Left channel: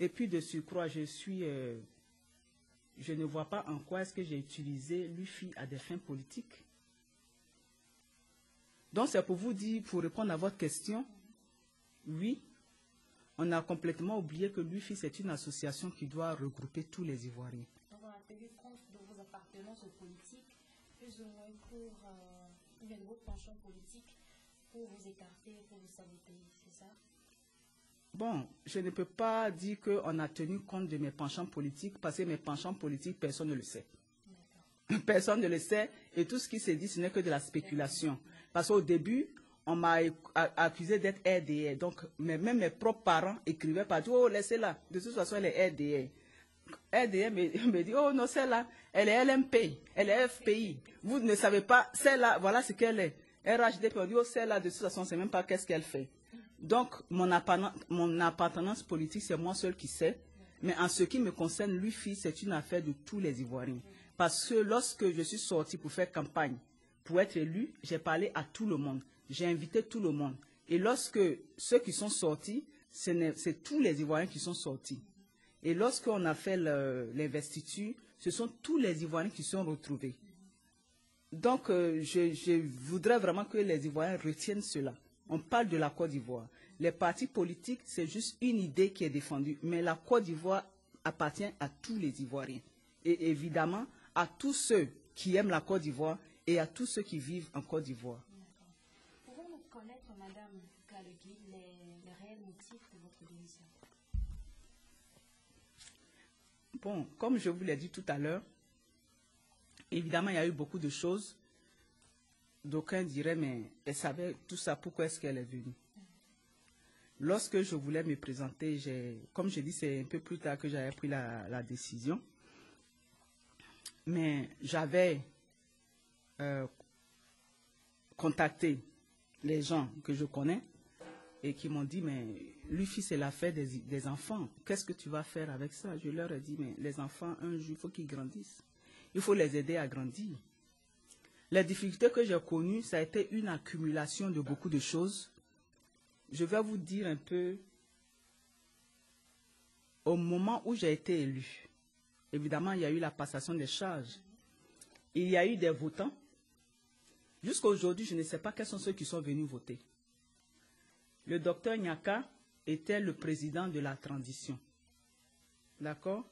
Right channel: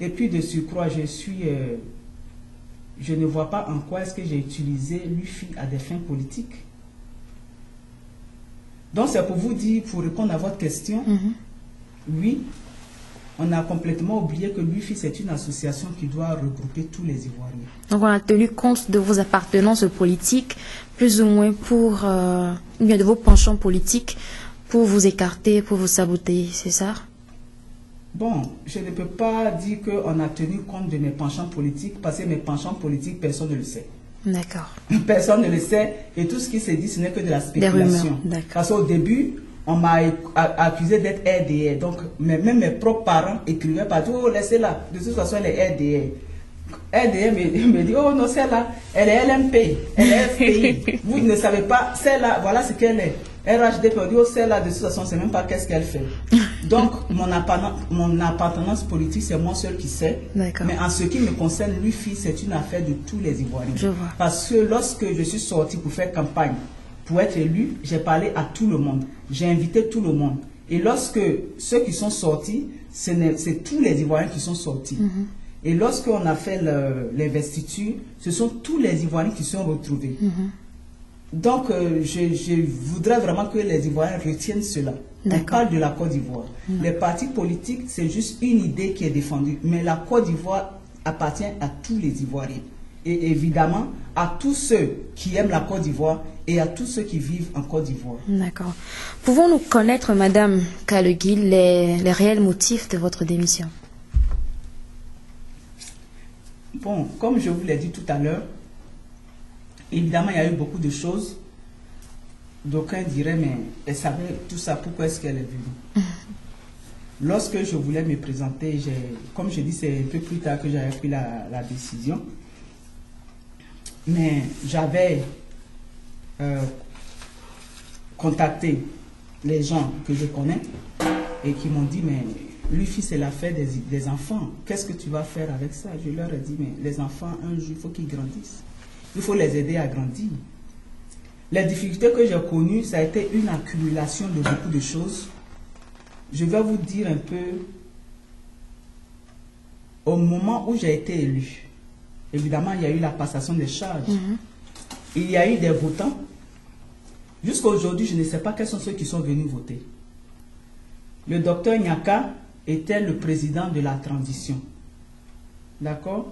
Et puis de surcroît, je ne vois pas en quoi est-ce que j'ai utilisé l'UFI à des fins politiques. Donc c'est pour vous dire, pour répondre à votre question, oui, on a complètement oublié que l'UFI c'est une association qui doit regrouper tous les Ivoiriens. Donc on a tenu compte de vos appartenances politiques, plus ou moins pour, ou bien de vos penchants politiques, pour vous écarter, pour vous saboter, c'est ça? Bon, je ne peux pas dire qu'on a tenu compte de mes penchants politiques, parce que mes penchants politiques, personne ne le sait. D'accord. Personne ne le sait, et tout ce qui se dit, ce n'est que de la spéculation. Parce qu'au début, on m'a accusé d'être RDR. Donc, même mes propres parents écrivaient partout, oh, laissez-la. De toute façon, elle est RDR. RDR me dit, oh non, celle-là, elle est LMP, elle est FPI. Vous ne savez pas, celle-là, voilà ce qu'elle est. RHDP, on dit, oh, celle-là, de toute façon, on ne sait même pas qu'est-ce qu'elle fait. Donc, mon appartenance politique, c'est moi seul qui sais. Mais en ce qui me concerne, l'UFI, c'est une affaire de tous les Ivoiriens. Je vois. Parce que lorsque je suis sorti pour faire campagne, pour être élu, j'ai parlé à tout le monde. J'ai invité tout le monde. Et lorsque ceux qui sont sortis, c'est tous les Ivoiriens qui sont sortis. Et lorsqu'on a fait l'investiture, ce sont tous les Ivoiriens qui sont retrouvés. Donc, je voudrais vraiment que les Ivoiriens retiennent cela. On parle de la Côte d'Ivoire. Les partis politiques, c'est juste une idée qui est défendue. Mais la Côte d'Ivoire appartient à tous les Ivoiriens. Et évidemment, à tous ceux qui aiment la Côte d'Ivoire et à tous ceux qui vivent en Côte d'Ivoire. D'accord. Pouvons-nous connaître, Madame Kalegui, les réels motifs de votre démission? Bon, comme je vous l'ai dit tout à l'heure, évidemment, il y a eu beaucoup de choses. D'aucuns diraient, mais elle savait tout ça, pourquoi est-ce qu'elle est venue? Lorsque je voulais me présenter, comme je dis, c'est un peu plus tard que j'avais pris la décision. Mais j'avais contacté les gens que je connais et qui m'ont dit, mais l'UFI, c'est l'affaire des enfants. Qu'est-ce que tu vas faire avec ça? Je leur ai dit, mais les enfants, un jour, il faut qu'ils grandissent. Il faut les aider à grandir. Les difficultés que j'ai connues, ça a été une accumulation de beaucoup de choses. Je vais vous dire un peu, au moment où j'ai été élu, évidemment, il y a eu la passation des charges. Il y a eu des votants. Jusqu'à aujourd'hui, je ne sais pas quels sont ceux qui sont venus voter. Le docteur Nyaka était le président de la transition. D'accord?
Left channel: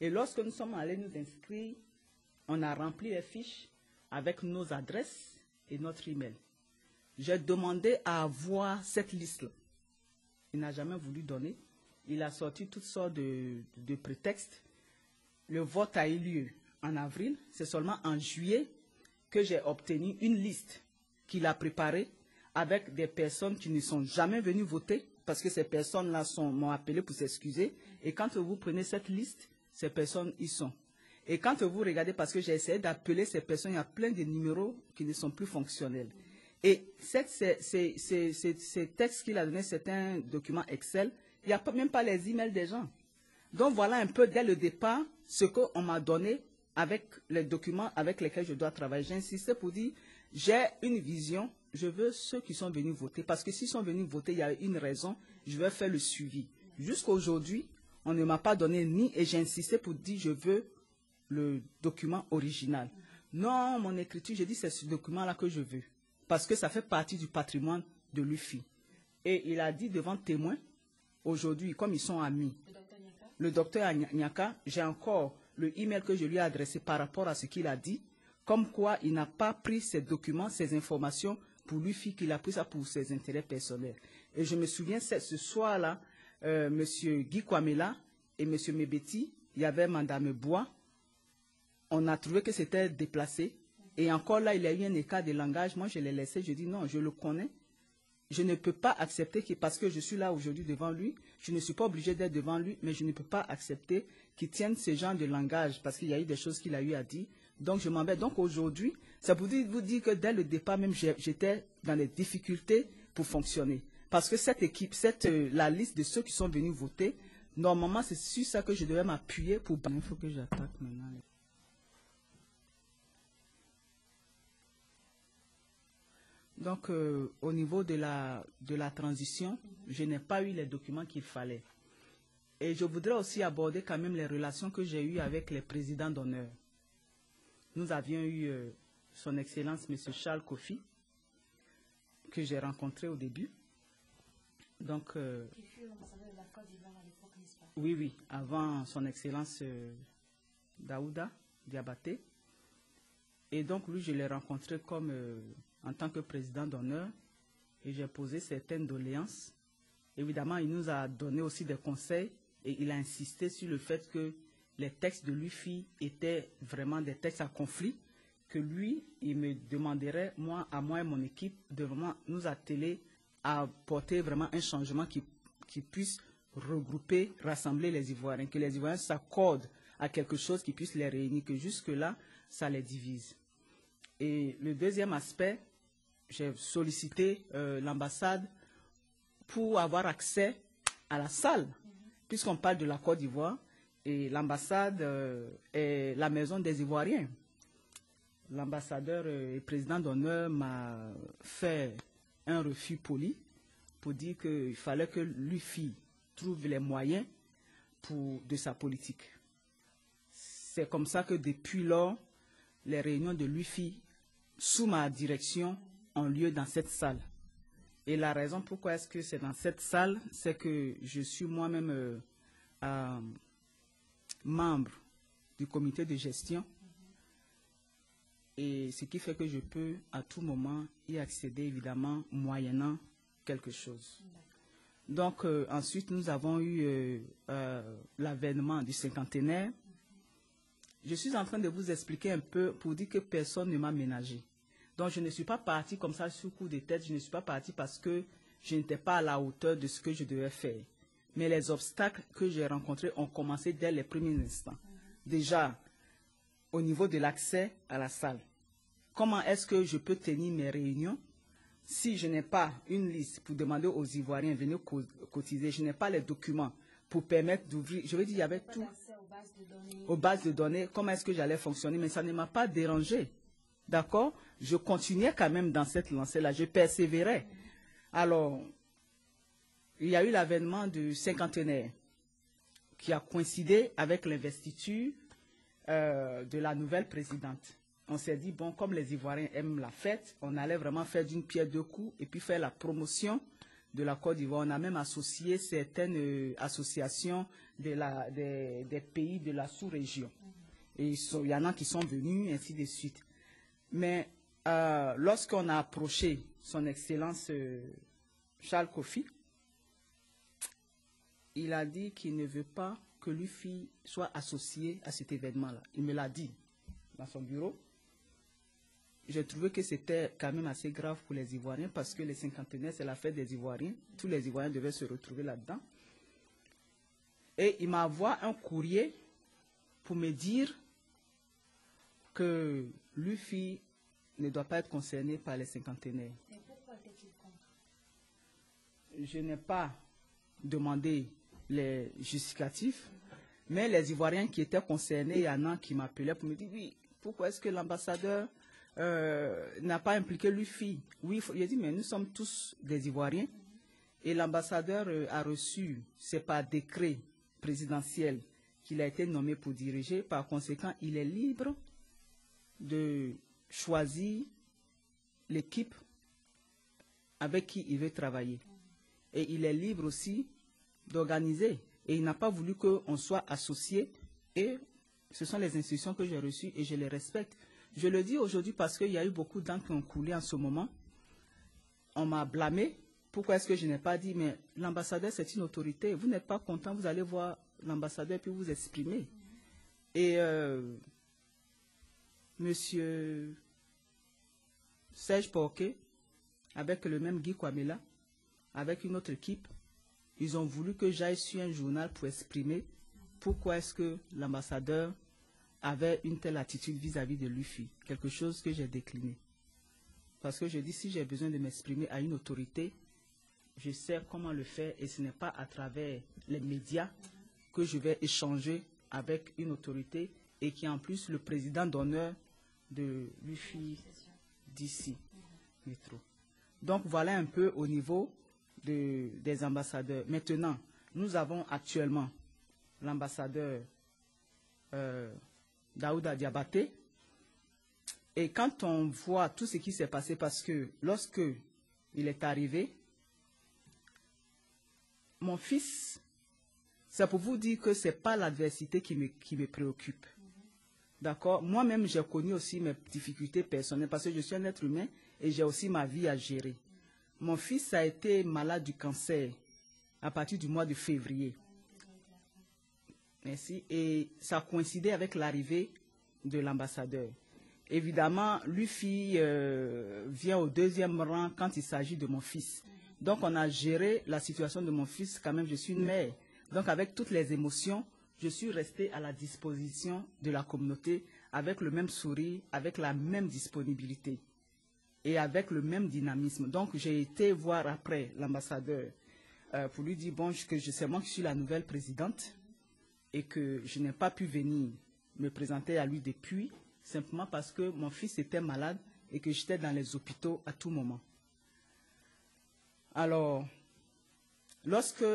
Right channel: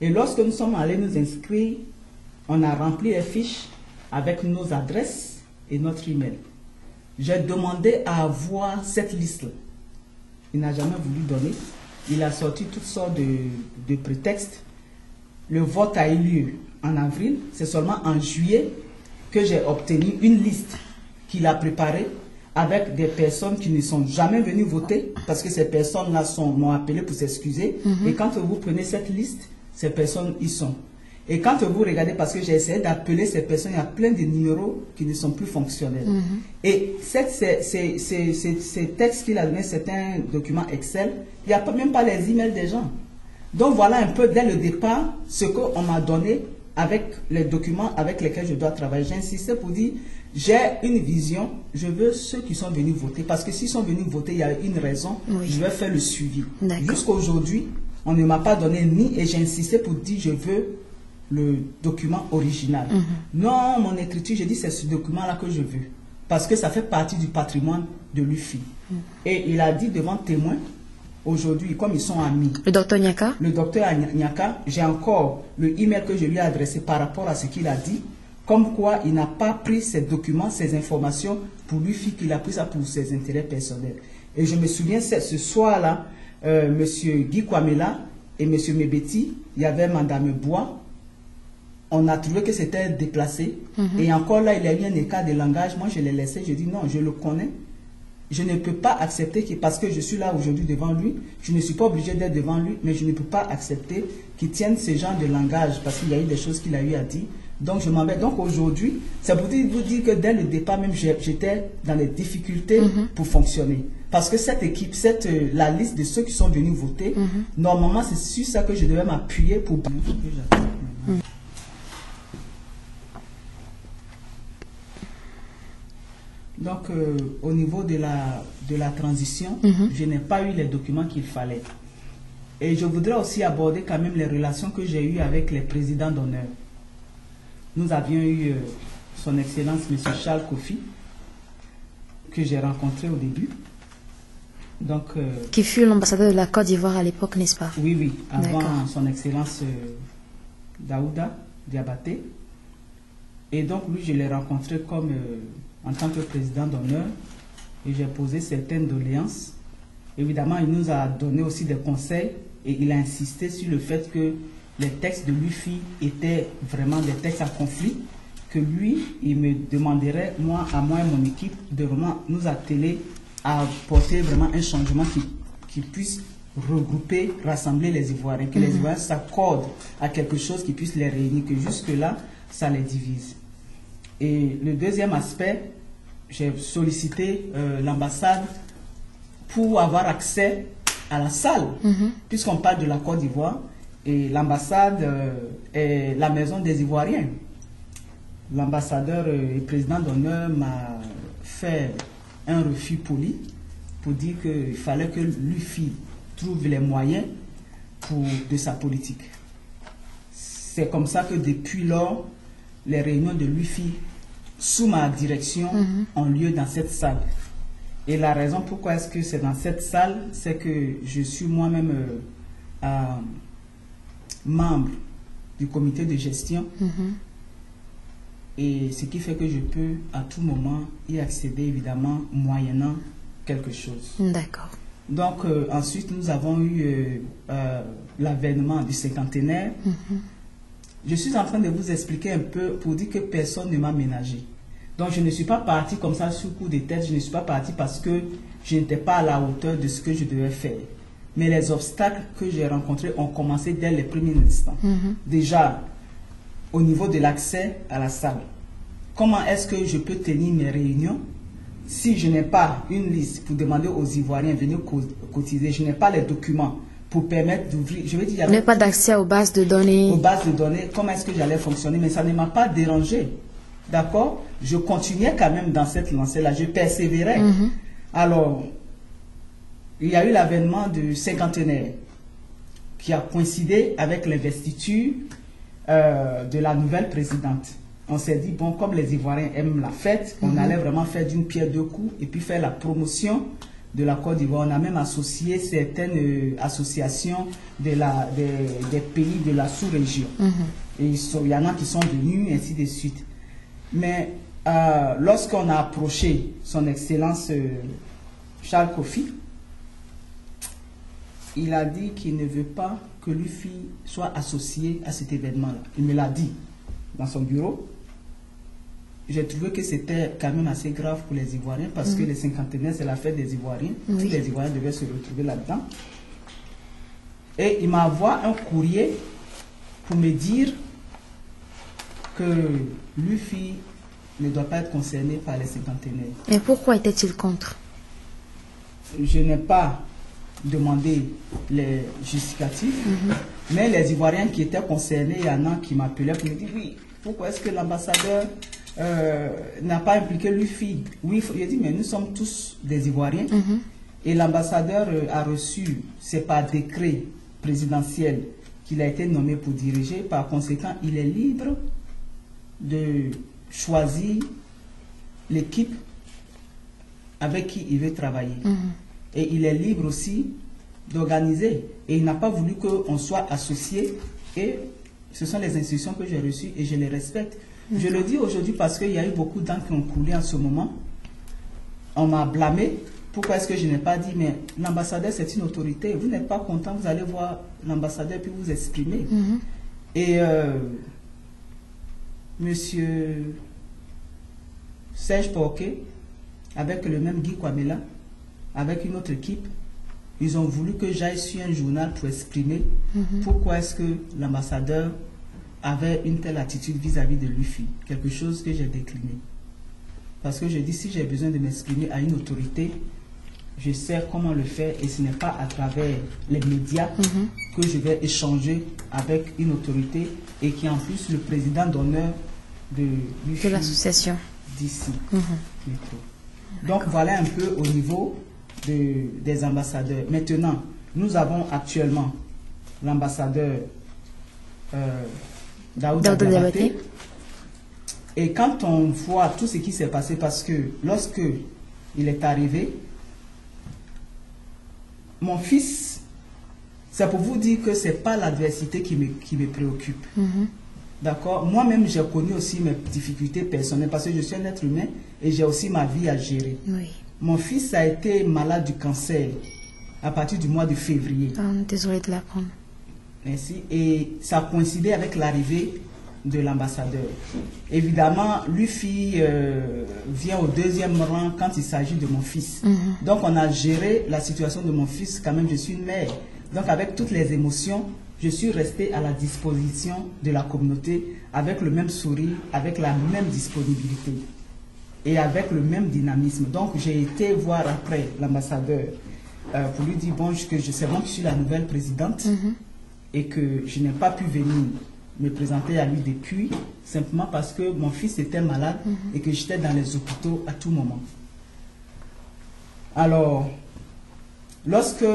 Et lorsque nous sommes allés nous inscrire, on a rempli les fiches avec nos adresses et notre email. J'ai demandé à avoir cette liste-là. Il n'a jamais voulu donner. Il a sorti toutes sortes de prétextes. Le vote a eu lieu en avril. C'est seulement en juillet que j'ai obtenu une liste qu'il a préparée avec des personnes qui ne sont jamais venues voter parce que ces personnes-là m'ont appelé pour s'excuser. Et quand vous prenez cette liste, ces personnes y sont. Et quand vous regardez, parce que j'ai essayé d'appeler ces personnes, il y a plein de numéros qui ne sont plus fonctionnels. Et ces textes qu'il a donnés, c'est un document Excel. Il n'y a même pas les emails des gens. Donc voilà un peu dès le départ ce qu'on m'a donné avec les documents avec lesquels je dois travailler. J'insistais pour dire, j'ai une vision, je veux ceux qui sont venus voter. Parce que s'ils sont venus voter, il y a une raison, je vais faire le suivi. Jusqu'à aujourd'hui, on ne m'a pas donné ni, et j'ai insisté pour dire, je veux le document original. Non, mon écriture, je dis, c'est ce document-là que je veux. Parce que ça fait partie du patrimoine de l'UFI. Et il a dit devant témoin, aujourd'hui, comme ils sont amis. Le docteur Nyaka? Le docteur Nyaka, j'ai encore le email que je lui ai adressé par rapport à ce qu'il a dit, comme quoi il n'a pas pris ces documents, ces informations pour l'UFI, qu'il a pris ça pour ses intérêts personnels. Et je me souviens, ce soir-là, M. Guy Kwamela et M. Mebeti, il y avait Madame Bois. On a trouvé que c'était déplacé. Et encore là, il y a eu un écart de langage. Moi, je l'ai laissé. Je dis non, je le connais. Je ne peux pas accepter parce que je suis là aujourd'hui devant lui. Je ne suis pas obligé d'être devant lui, mais je ne peux pas accepter qu'il tienne ce genre de langage parce qu'il y a eu des choses qu'il a eu à dire. Donc, je m'en vais. Donc, aujourd'hui, c'est pour vous dire que dès le départ, même, j'étais dans les difficultés pour fonctionner. Parce que cette équipe, la liste de ceux qui sont venus voter, normalement, c'est sur ça que je devais m'appuyer pour... Donc, au niveau de la transition, je n'ai pas eu les documents qu'il fallait. Et je voudrais aussi aborder quand même les relations que j'ai eues avec les présidents d'honneur. Nous avions eu son Excellence M. Charles Kofi, que j'ai rencontré au début. Donc, qui fut l'ambassadeur de la Côte d'Ivoire à l'époque, n'est-ce pas? Oui, oui, avant son Excellence Daouda Diabaté. Et donc, lui, je l'ai rencontré comme en tant que président d'honneur et j'ai posé certaines doléances. Évidemment, il nous a donné aussi des conseils et il a insisté sur le fait que les textes de l'UFI étaient vraiment des textes à conflit, que lui, il me demanderait, moi et mon équipe, de vraiment nous atteler à porter vraiment un changement qui puisse regrouper, rassembler les Ivoiriens, que les Ivoiriens s'accordent à quelque chose qui puisse les réunir, que jusque-là, ça les divise. Et le deuxième aspect, j'ai sollicité l'ambassade pour avoir accès à la salle, puisqu'on parle de la Côte d'Ivoire, et l'ambassade est la maison des Ivoiriens. L'ambassadeur et président d'honneur m'a fait un refus poli pour dire qu'il fallait que l'UFI trouve les moyens de sa politique. C'est comme ça que depuis lors, les réunions de l'UFI sous ma direction ont lieu dans cette salle. Et la raison pourquoi est-ce que c'est dans cette salle, c'est que je suis moi-même membre du comité de gestion. Et ce qui fait que je peux à tout moment y accéder, évidemment, moyennant quelque chose. D'accord. Donc, ensuite, nous avons eu l'avènement du cinquantenaire. Je suis en train de vous expliquer un peu pour dire que personne ne m'a ménagé. Donc, je ne suis pas parti comme ça sur coup de tête. Je ne suis pas parti parce que je n'étais pas à la hauteur de ce que je devais faire. Mais les obstacles que j'ai rencontrés ont commencé dès les premiers instants. Déjà, au niveau de l'accès à la salle. Comment est-ce que je peux tenir mes réunions si je n'ai pas une liste pour demander aux Ivoiriens de venir cotiser, je n'ai pas les documents pour permettre d'ouvrir. Je veux dire, il n'y a pas d'accès aux bases de données. Aux bases de données, comment est-ce que j'allais fonctionner? Mais ça ne m'a pas dérangé. D'accord? Je continuais quand même dans cette lancée-là, je persévérais. Alors, il y a eu l'avènement du cinquantenaire qui a coïncidé avec l'investiture de la nouvelle présidente. On s'est dit, bon, comme les Ivoiriens aiment la fête, on allait vraiment faire d'une pierre deux coups et puis faire la promotion de la Côte d'Ivoire. On a même associé certaines associations des pays de la sous-région. Et il y en a qui sont venus, ainsi de suite. Mais lorsqu'on a approché son Excellence Charles Kofi, il a dit qu'il ne veut pas que l'UFI soit associé à cet événement-là. Il me l'a dit dans son bureau. J'ai trouvé que c'était quand même assez grave pour les Ivoiriens parce que les cinquantenaires, c'est la fête des Ivoiriens. Tous les Ivoiriens devaient se retrouver là-dedans. Et il m'a envoyé un courrier pour me dire que l'UFI ne doit pas être concerné par les cinquantenaires. Et pourquoi était-il contre? Je n'ai pas demandé les justificatifs, mais les Ivoiriens qui étaient concernés, il y en a qui m'appelaient pour me dire, oui, pourquoi est-ce que l'ambassadeur n'a pas impliqué l'UFI? Oui, j'ai dit, mais nous sommes tous des Ivoiriens. Et l'ambassadeur a reçu, c'est par décret présidentiel qu'il a été nommé pour diriger. Par conséquent, il est libre de choisir l'équipe avec qui il veut travailler. Et il est libre aussi d'organiser. Et il n'a pas voulu qu'on soit associé. Et ce sont les instructions que j'ai reçues et je les respecte. Je le dis aujourd'hui parce qu'il y a eu beaucoup d'encre qui ont coulé en ce moment. On m'a blâmé. Pourquoi est-ce que je n'ai pas dit, mais l'ambassadeur, c'est une autorité. Vous n'êtes pas content, vous allez voir l'ambassadeur puis vous exprimer. Et monsieur Serge Porquet, avec le même Guy Kwamela, avec une autre équipe, ils ont voulu que j'aille sur un journal pour exprimer pourquoi est-ce que l'ambassadeur avait une telle attitude vis-à-vis de l'UFI. Quelque chose que j'ai décliné. Parce que je dis, si j'ai besoin de m'exprimer à une autorité, je sais comment le faire et ce n'est pas à travers les médias que je vais échanger avec une autorité et qui est en plus le président d'honneur de l'UFI. De l'association. D'ici. Donc voilà un peu au niveau des ambassadeurs. Maintenant, nous avons actuellement l'ambassadeur Daouda Diabaté. Et quand on voit tout ce qui s'est passé, parce que lorsque il est arrivé, mon fils, c'est pour vous dire que ce n'est pas l'adversité qui me préoccupe. D'accord? Moi-même, j'ai connu aussi mes difficultés personnelles parce que je suis un être humain et j'ai aussi ma vie à gérer. Oui. Mon fils a été malade du cancer à partir du mois de février. Désolée de l'apprendre. Merci. Et ça a coïncidé avec l'arrivée de l'ambassadeur. Évidemment, l'UFI vient au deuxième rang quand il s'agit de mon fils. Donc, on a géré la situation de mon fils. Quand même, je suis une mère. Donc, avec toutes les émotions, je suis restée à la disposition de la communauté avec le même sourire, avec la même disponibilité et avec le même dynamisme. Donc, j'ai été voir après l'ambassadeur pour lui dire, bon, que je sais moi que je suis la nouvelle présidente et que je n'ai pas pu venir me présenter à lui depuis, simplement parce que mon fils était malade et que j'étais dans les hôpitaux à tout moment. Alors, lorsque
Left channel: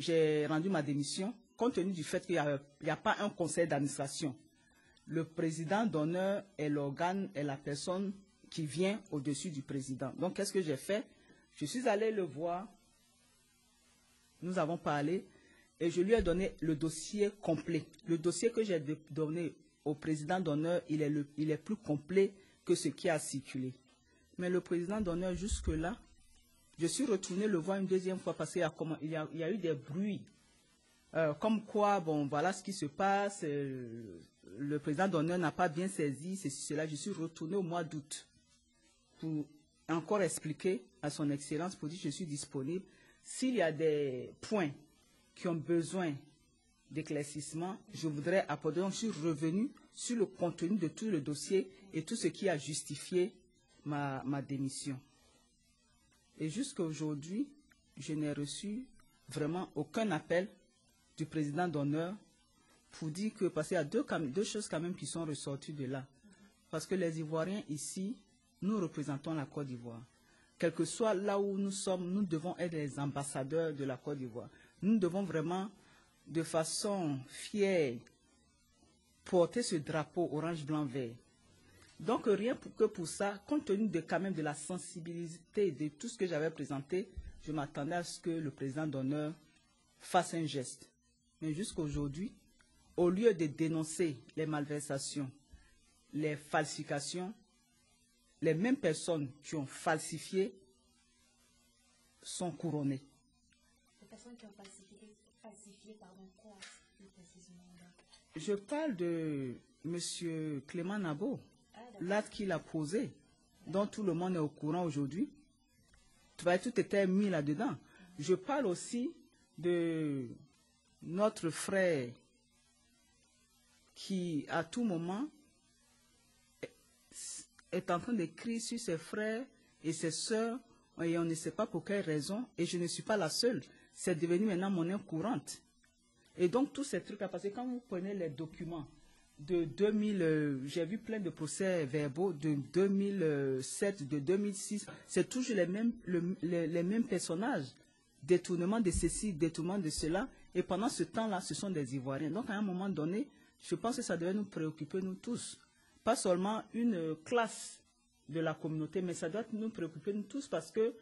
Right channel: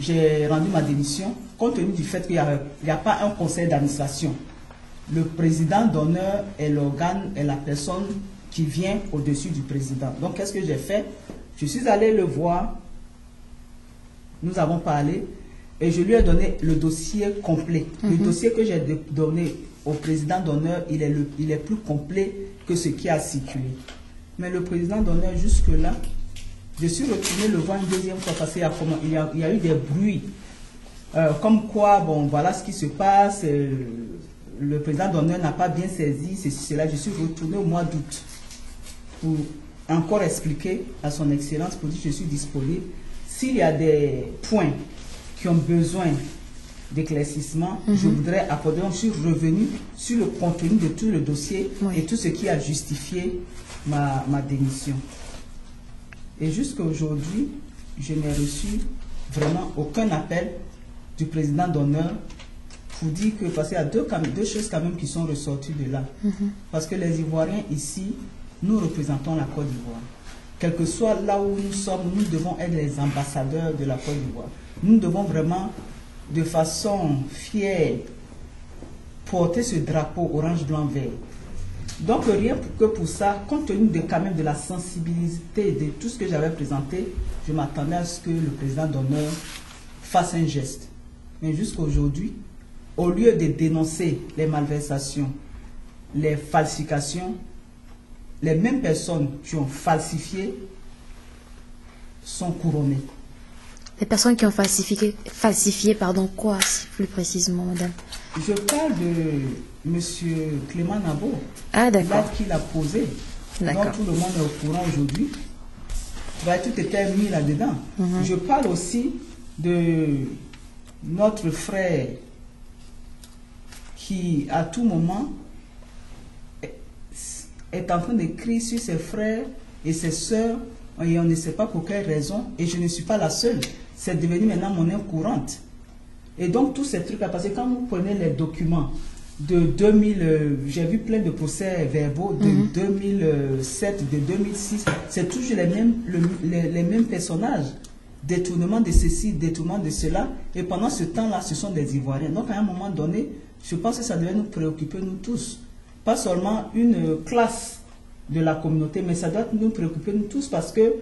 j'ai rendu ma démission, compte tenu du fait qu'il n'y a pas un conseil d'administration, le président d'honneur est l'organe, est la personne qui vient au-dessus du président. Donc, qu'est-ce que j'ai fait? Je suis allé le voir, nous avons parlé, et je lui ai donné le dossier complet. Le dossier que j'ai donné au président d'honneur, il est plus complet que ce qui a circulé. Mais le président d'honneur, jusque-là, je suis retourné le voir une deuxième fois parce qu'il y a eu des bruits. Comme quoi, bon, voilà ce qui se passe. Le président d'honneur n'a pas bien saisi ceci, cela. Je suis retourné au mois d'août pour encore expliquer à son excellence, pour dire que je suis disponible. S'il y a des points qui ont besoin d'éclaircissement, je voudrais apporter. Donc, je suis revenu sur le contenu de tout le dossier et tout ce qui a justifié ma démission. Et jusqu'à aujourd'hui, je n'ai reçu vraiment aucun appel du président d'honneur pour dire que, parce qu'il y a deux choses quand même qui sont ressorties de là. Parce que les Ivoiriens ici, nous représentons la Côte d'Ivoire. Quel que soit là où nous sommes, nous devons être les ambassadeurs de la Côte d'Ivoire. Nous devons vraiment, de façon fière, porter ce drapeau orange, blanc, vert. Donc, rien que pour ça, compte tenu quand même de la sensibilité de tout ce que j'avais présenté, je m'attendais à ce que le président d'honneur fasse un geste. Mais jusqu'à aujourd'hui, au lieu de dénoncer les malversations, les falsifications, les mêmes personnes qui ont falsifié sont couronnées. Les personnes qui ont falsifié, pardon, quoi, plus précisément, madame? Je parle de M. Clément Nabo. Ah, d'accord. Qu'il a posé. Donc tout le monde est au courant aujourd'hui. Tout était mis là-dedans. Je parle aussi de notre frère qui, à tout moment, est en train d'écrire sur ses frères et ses sœurs, et on ne sait pas pour quelle raison, et je ne suis pas la seule. C'est devenu maintenant monnaie courante. Et donc, tous ces trucs-là, parce que quand vous prenez les documents de 2000, j'ai vu plein de procès verbaux de 2007, de 2006, c'est toujours les mêmes personnages. Détournement de ceci, détournement de cela, et pendant ce temps-là, ce sont des Ivoiriens. Donc, à un moment donné, je pense que ça devait nous préoccuper, nous tous. Pas seulement une classe de la communauté, mais ça doit nous préoccuper, nous tous, parce que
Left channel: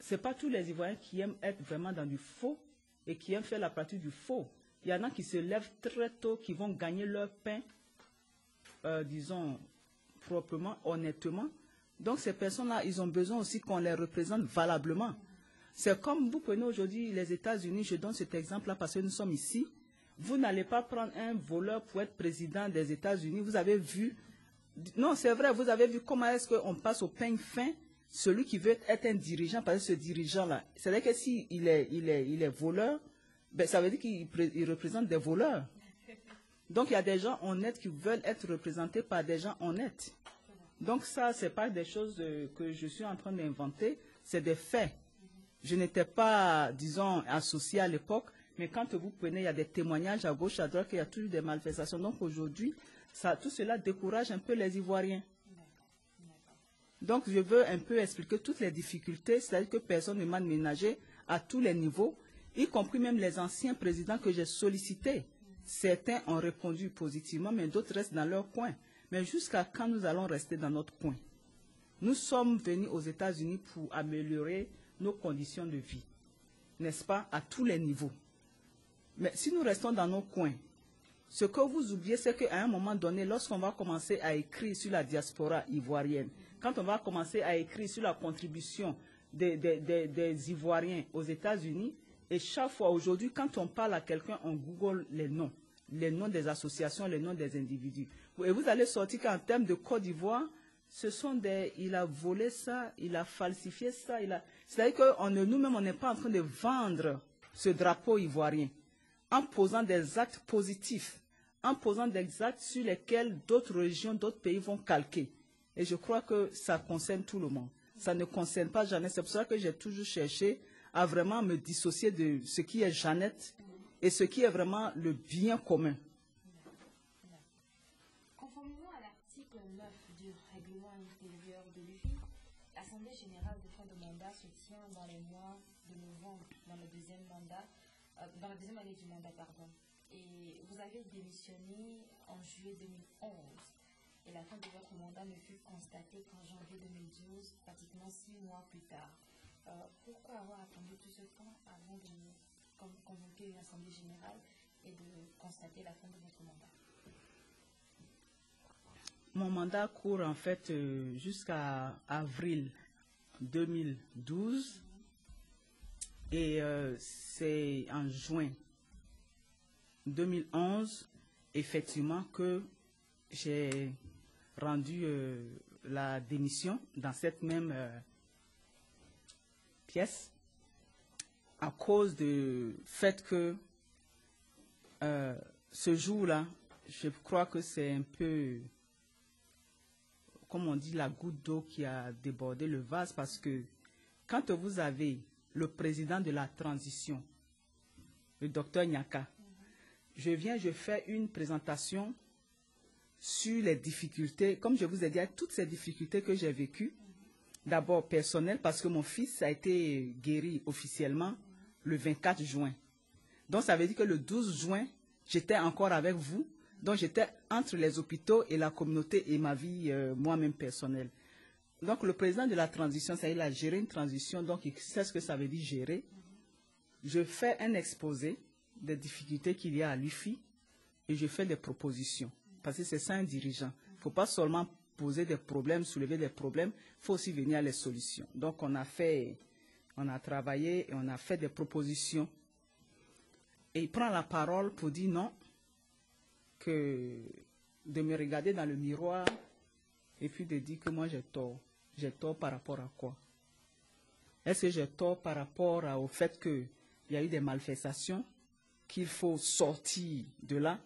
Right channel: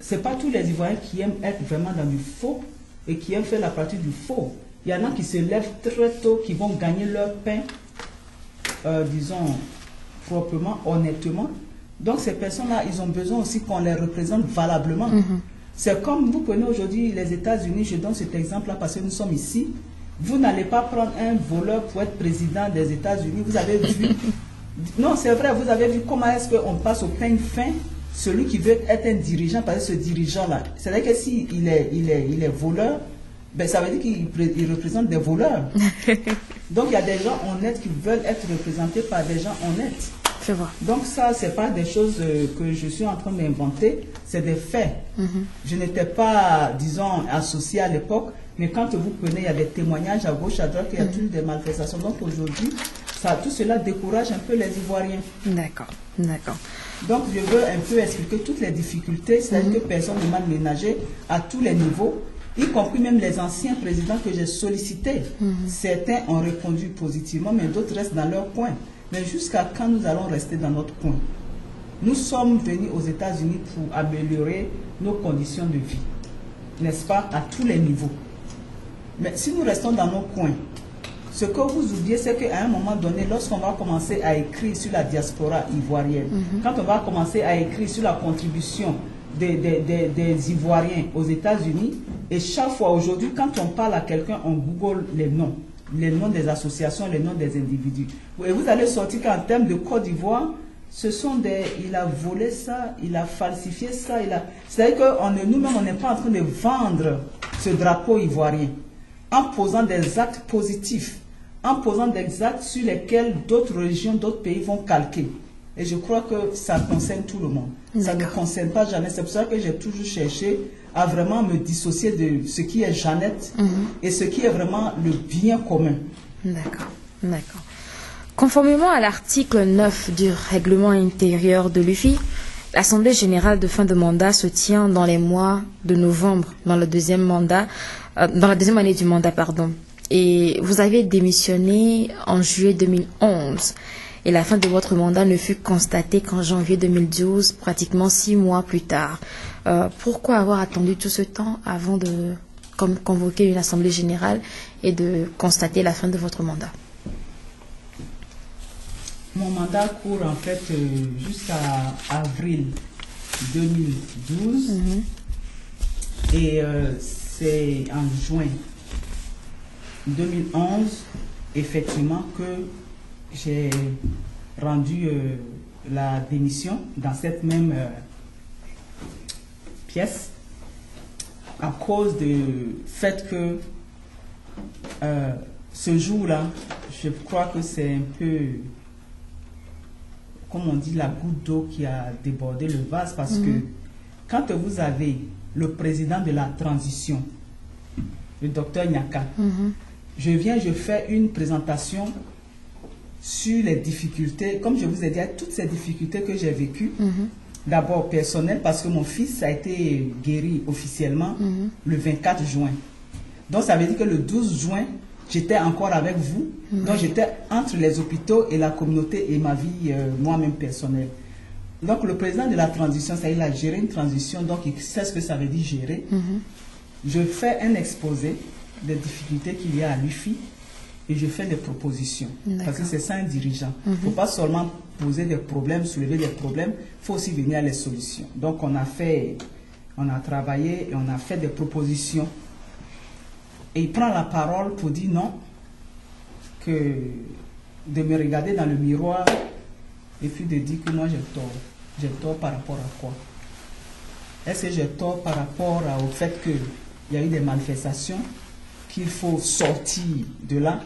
ce n'est pas tous les Ivoiriens qui aiment être vraiment dans du faux et qui aiment faire la partie du faux. Il y en a qui se lèvent très tôt, qui vont gagner leur pain, disons, proprement, honnêtement. Donc ces personnes-là, ils ont besoin aussi qu'on les représente valablement. C'est comme vous prenez aujourd'hui les États-Unis, je donne cet exemple-là parce que nous sommes ici. Vous n'allez pas prendre un voleur pour être président des États-Unis. Vous avez vu, non c'est vrai, vous avez vu comment est-ce qu'on passe au peigne fin. Celui qui veut être un dirigeant, parce que ce dirigeant-là, c'est-à-dire que s'il est voleur, ben ça veut dire qu'il représente des voleurs. Donc il y a des gens honnêtes qui veulent être représentés par des gens honnêtes. Je vois. Donc ça, ce n'est pas des choses que je suis en train d'inventer, c'est des faits. Je n'étais pas, disons, associé à l'époque, mais quand vous prenez, il y a des témoignages à gauche, à droite, il y a toujours des malversations. Donc aujourd'hui, tout cela décourage un peu les Ivoiriens. D'accord, d'accord. Donc je veux un peu expliquer toutes les difficultés, c'est-à-dire que personne ne m'a ménagé à tous les niveaux. y compris même les anciens présidents que j'ai sollicités. Certains ont répondu positivement, mais d'autres restent dans leur coin. Mais jusqu'à quand nous allons rester dans notre coin? Nous sommes venus aux États-Unis pour améliorer nos conditions de vie, n'est-ce pas, à tous les niveaux. Mais si nous restons dans nos coins, ce que vous oubliez, c'est qu'à un moment donné, lorsqu'on va commencer à écrire sur la diaspora ivoirienne, quand on va commencer à écrire sur la contribution des Ivoiriens aux États-Unis, et chaque fois aujourd'hui, quand on parle à quelqu'un, on google les noms des associations, les noms des individus. Et vous allez sortir qu'en termes de Côte d'Ivoire, ce sont des... Il a volé ça, il a falsifié ça, c'est-à-dire que nous-mêmes, on n'est pas en train de vendre ce drapeau ivoirien en posant des actes positifs, en posant des actes sur lesquels d'autres régions, d'autres pays vont calquer. Et je crois que ça concerne tout le monde. Ça ne concerne pas Jeannette. C'est pour ça que j'ai toujours cherché à vraiment me dissocier de ce qui est Jeannette et ce qui est vraiment le bien commun. D'accord, d'accord. Conformément à l'article 9 du règlement intérieur de l'UFI, l'Assemblée générale de fin de mandat se tient dans les mois de novembre, dans la deuxième année du mandat, pardon. Et vous avez démissionné en juillet 2011. Et la fin de votre mandat ne fut constatée qu'en janvier 2012, pratiquement 6 mois plus tard. Pourquoi avoir attendu tout ce temps avant de convoquer une assemblée générale et de constater la fin de votre mandat? Mon mandat court en fait jusqu'à avril 2012 et c'est en juin 2011 effectivement que j'ai rendu la démission dans cette même pièce à cause du fait que ce jour-là, je crois que c'est un peu, comme on dit, la goutte d'eau qui a débordé le vase parce que quand vous avez le président de la transition, le docteur Nyaka, je fais une présentation sur les difficultés, comme je vous ai dit, toutes ces difficultés que j'ai vécues, d'abord personnelles, parce que mon fils a été guéri officiellement le 24 juin. Donc ça veut dire que le 12 juin, j'étais encore avec vous, donc j'étais entre les hôpitaux et la communauté et ma vie moi-même personnelle. Donc le président de la transition, ça, il a géré une transition, donc il sait ce que ça veut dire gérer. Je fais un exposé des difficultés qu'il y a à l'UFI, et je fais des propositions. Parce que c'est ça un dirigeant. Il ne faut pas seulement poser des problèmes, soulever des problèmes, il faut aussi venir à les solutions. Donc on a travaillé et on a fait des propositions. Et il prend la parole pour dire non, que de me regarder dans le miroir et puis de dire que moi j'ai tort. J'ai tort par rapport à quoi? Est-ce que j'ai tort par rapport au fait qu'il y a eu des manifestations, qu'il faut sortir de là?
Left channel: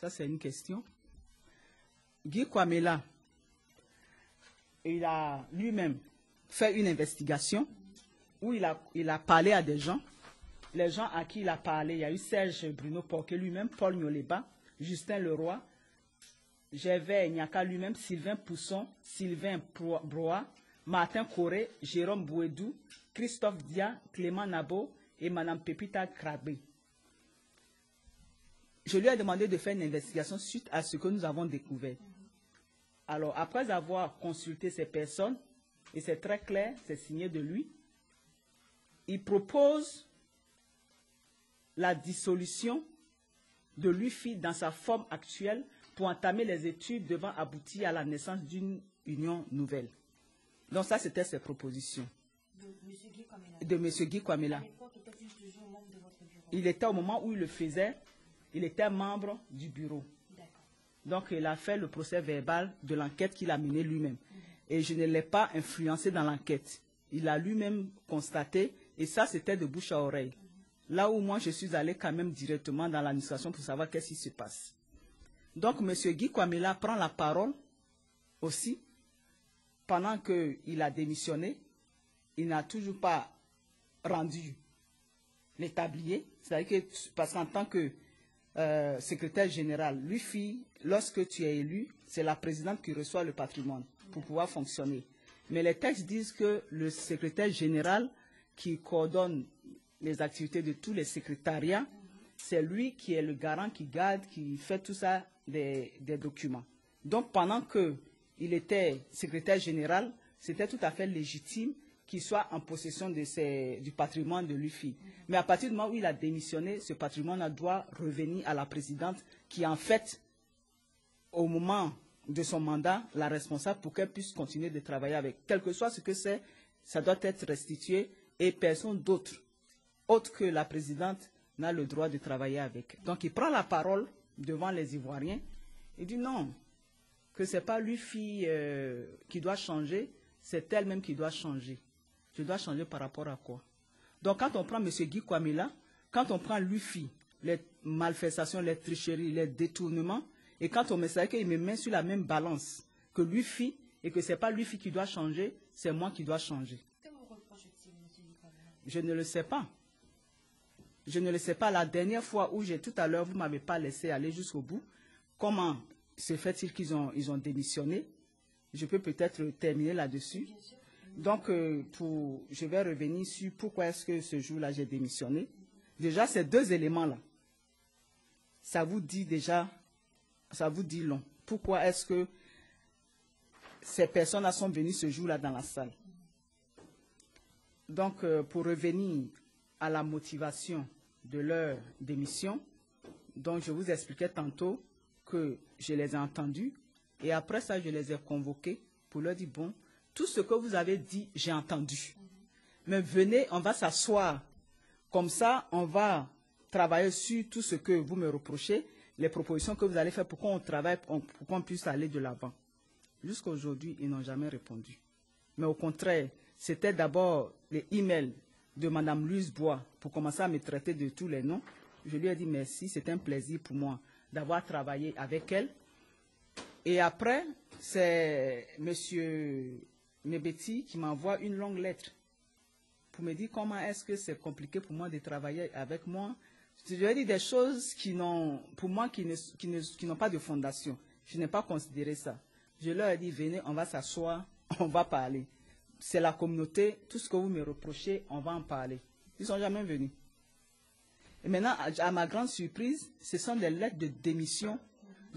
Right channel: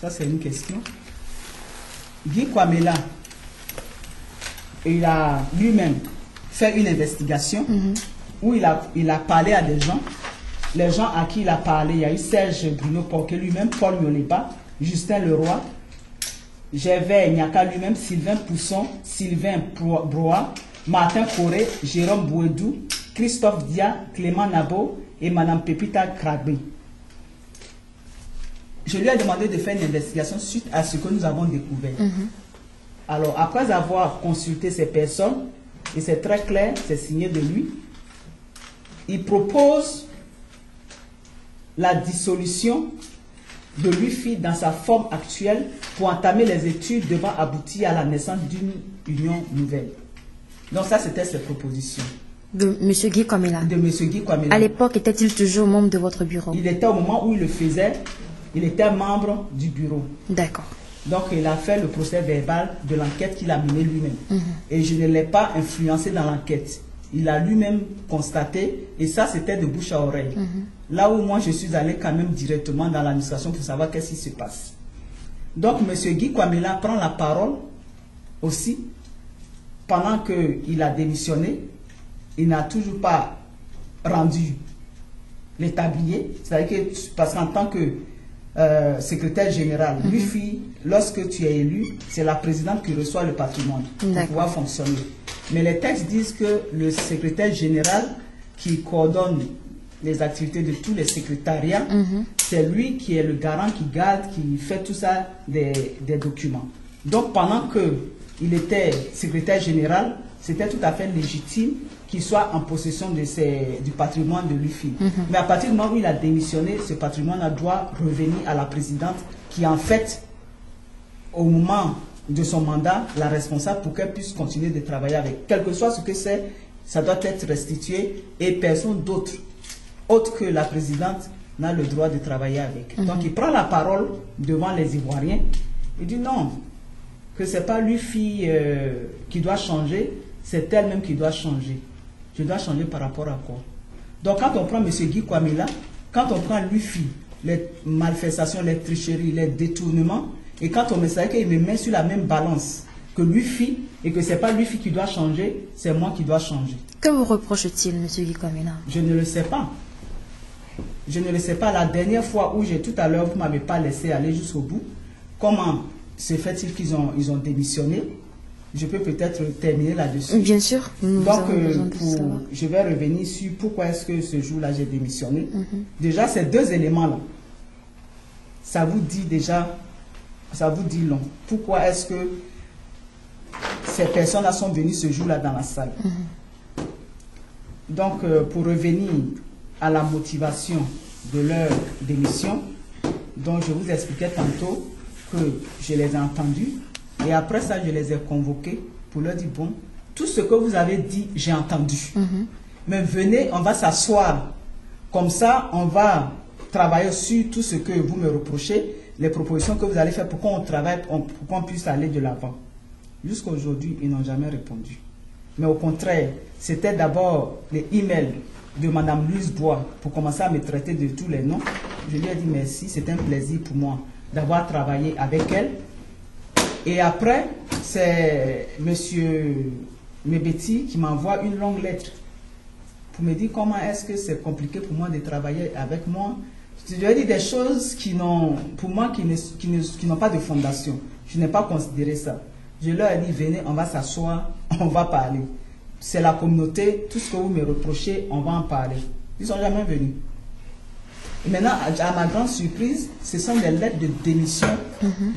Ça, c'est une question. Guy Kwamela, il a lui-même fait une investigation où il a parlé à des gens. Les gens à qui il a parlé, il y a eu Serge Bruno Porquet lui-même, Paul Yoleba, Justin Leroy, Gervais Nyaka lui-même, Sylvain Pousson, Sylvain Broa, Martin Coré, Jérôme Bouedou, Christophe Dia, Clément Nabo et Madame Pepita Kragbe. Je lui ai demandé de faire une investigation suite à ce que nous avons découvert. Alors, après avoir consulté ces personnes, et c'est très clair, c'est signé de lui, il propose la dissolution de l'UFI dans sa forme actuelle pour entamer les études devant aboutir à la naissance d'une union nouvelle. Donc ça, c'était ses propositions. De M. Guy Kwamela. De M. Guy Kwamela. À l'époque, était-il toujours membre de votre bureau? Il était au moment où il le faisait, il était membre du bureau. D'accord. Donc il a fait le procès verbal de l'enquête qu'il a menée lui-même. Et je ne l'ai pas influencé dans l'enquête. Il a lui-même constaté, et ça c'était de bouche à oreille. Là où moi je suis allé quand même directement dans l'administration pour savoir qu'est-ce qui se passe. Donc M. Guy Kwamela prend la parole aussi pendant qu'il a démissionné. Il n'a toujours pas rendu les tabliers. C'est-à-dire que, parce qu'en tant que secrétaire général, l'UFI, lorsque tu es élu, c'est la présidente qui reçoit le patrimoine pour pouvoir fonctionner. Mais les textes disent que le secrétaire général qui coordonne les activités de tous les secrétariats. C'est lui qui est le garant, qui garde, qui fait tout ça des documents. Donc pendant qu'il était secrétaire général, c'était tout à fait légitime qu'il soit en possession de du patrimoine de l'UFI. Mais à partir du moment où il a démissionné, ce patrimoine doit revenir à la présidente qui en fait, au moment de son mandat, la responsable pour qu'elle puisse continuer de travailler avec. Quel que soit ce que c'est, ça doit être restitué et personne d'autre, autre que la présidente, n'a le droit de travailler avec. Donc il prend la parole devant les Ivoiriens et dit non, que ce n'est pas l'UFI qui doit changer, c'est elle-même qui doit changer. Je dois changer par rapport à quoi? Donc quand on prend M. Guy Kwamila, quand on prend l'UFI, les malversations, les tricheries, les détournements, et quand on me sait qu'il me met sur la même balance que l'UFI, et que ce n'est pas l'UFI qui doit changer, c'est moi qui dois changer. Que vous reproche-t-il, M. Guy Kwamila? Je ne le sais pas. Je ne le sais pas. La dernière fois où tout à l'heure, vous ne m'avez pas laissé aller jusqu'au bout, comment se fait-il qu'ils ont démissionné? Je peux peut-être terminer là-dessus. Bien sûr. Donc, je vais revenir sur pourquoi est-ce que ce jour-là, j'ai démissionné. Déjà, ces deux éléments-là, ça vous dit déjà, ça vous dit long. Pourquoi est-ce que ces personnes-là sont venues ce jour-là dans la salle? Donc, pour revenir à la motivation de leur démission, donc je vous expliquais tantôt que je les ai entendus. Et après ça, je les ai convoqués pour leur dire, bon, tout ce que vous avez dit, j'ai entendu. Mais venez, on va s'asseoir. Comme ça, on va travailler sur tout ce que vous me reprochez, les propositions que vous allez faire pour qu'on travaille, pour qu'on puisse aller de l'avant. Jusqu'à aujourd'hui, ils n'ont jamais répondu. Mais au contraire, c'était d'abord les emails de Mme Louise Bois pour commencer à me traiter de tous les noms. Je lui ai dit merci, c'est un plaisir pour moi d'avoir travaillé avec elle. Et après, c'est M. Mebeti qui m'envoie une longue lettre pour me dire comment est-ce que c'est compliqué pour moi de travailler avec moi. Je lui ai dit des choses qui n'ont, pour moi, qui n'ont pas de fondation. Je n'ai pas considéré ça. Je leur ai dit, venez, on va s'asseoir, on va parler. C'est la communauté, tout ce que vous me reprochez, on va en parler. Ils ne sont jamais venus. Et maintenant, à ma grande surprise, ce sont des lettres de démission.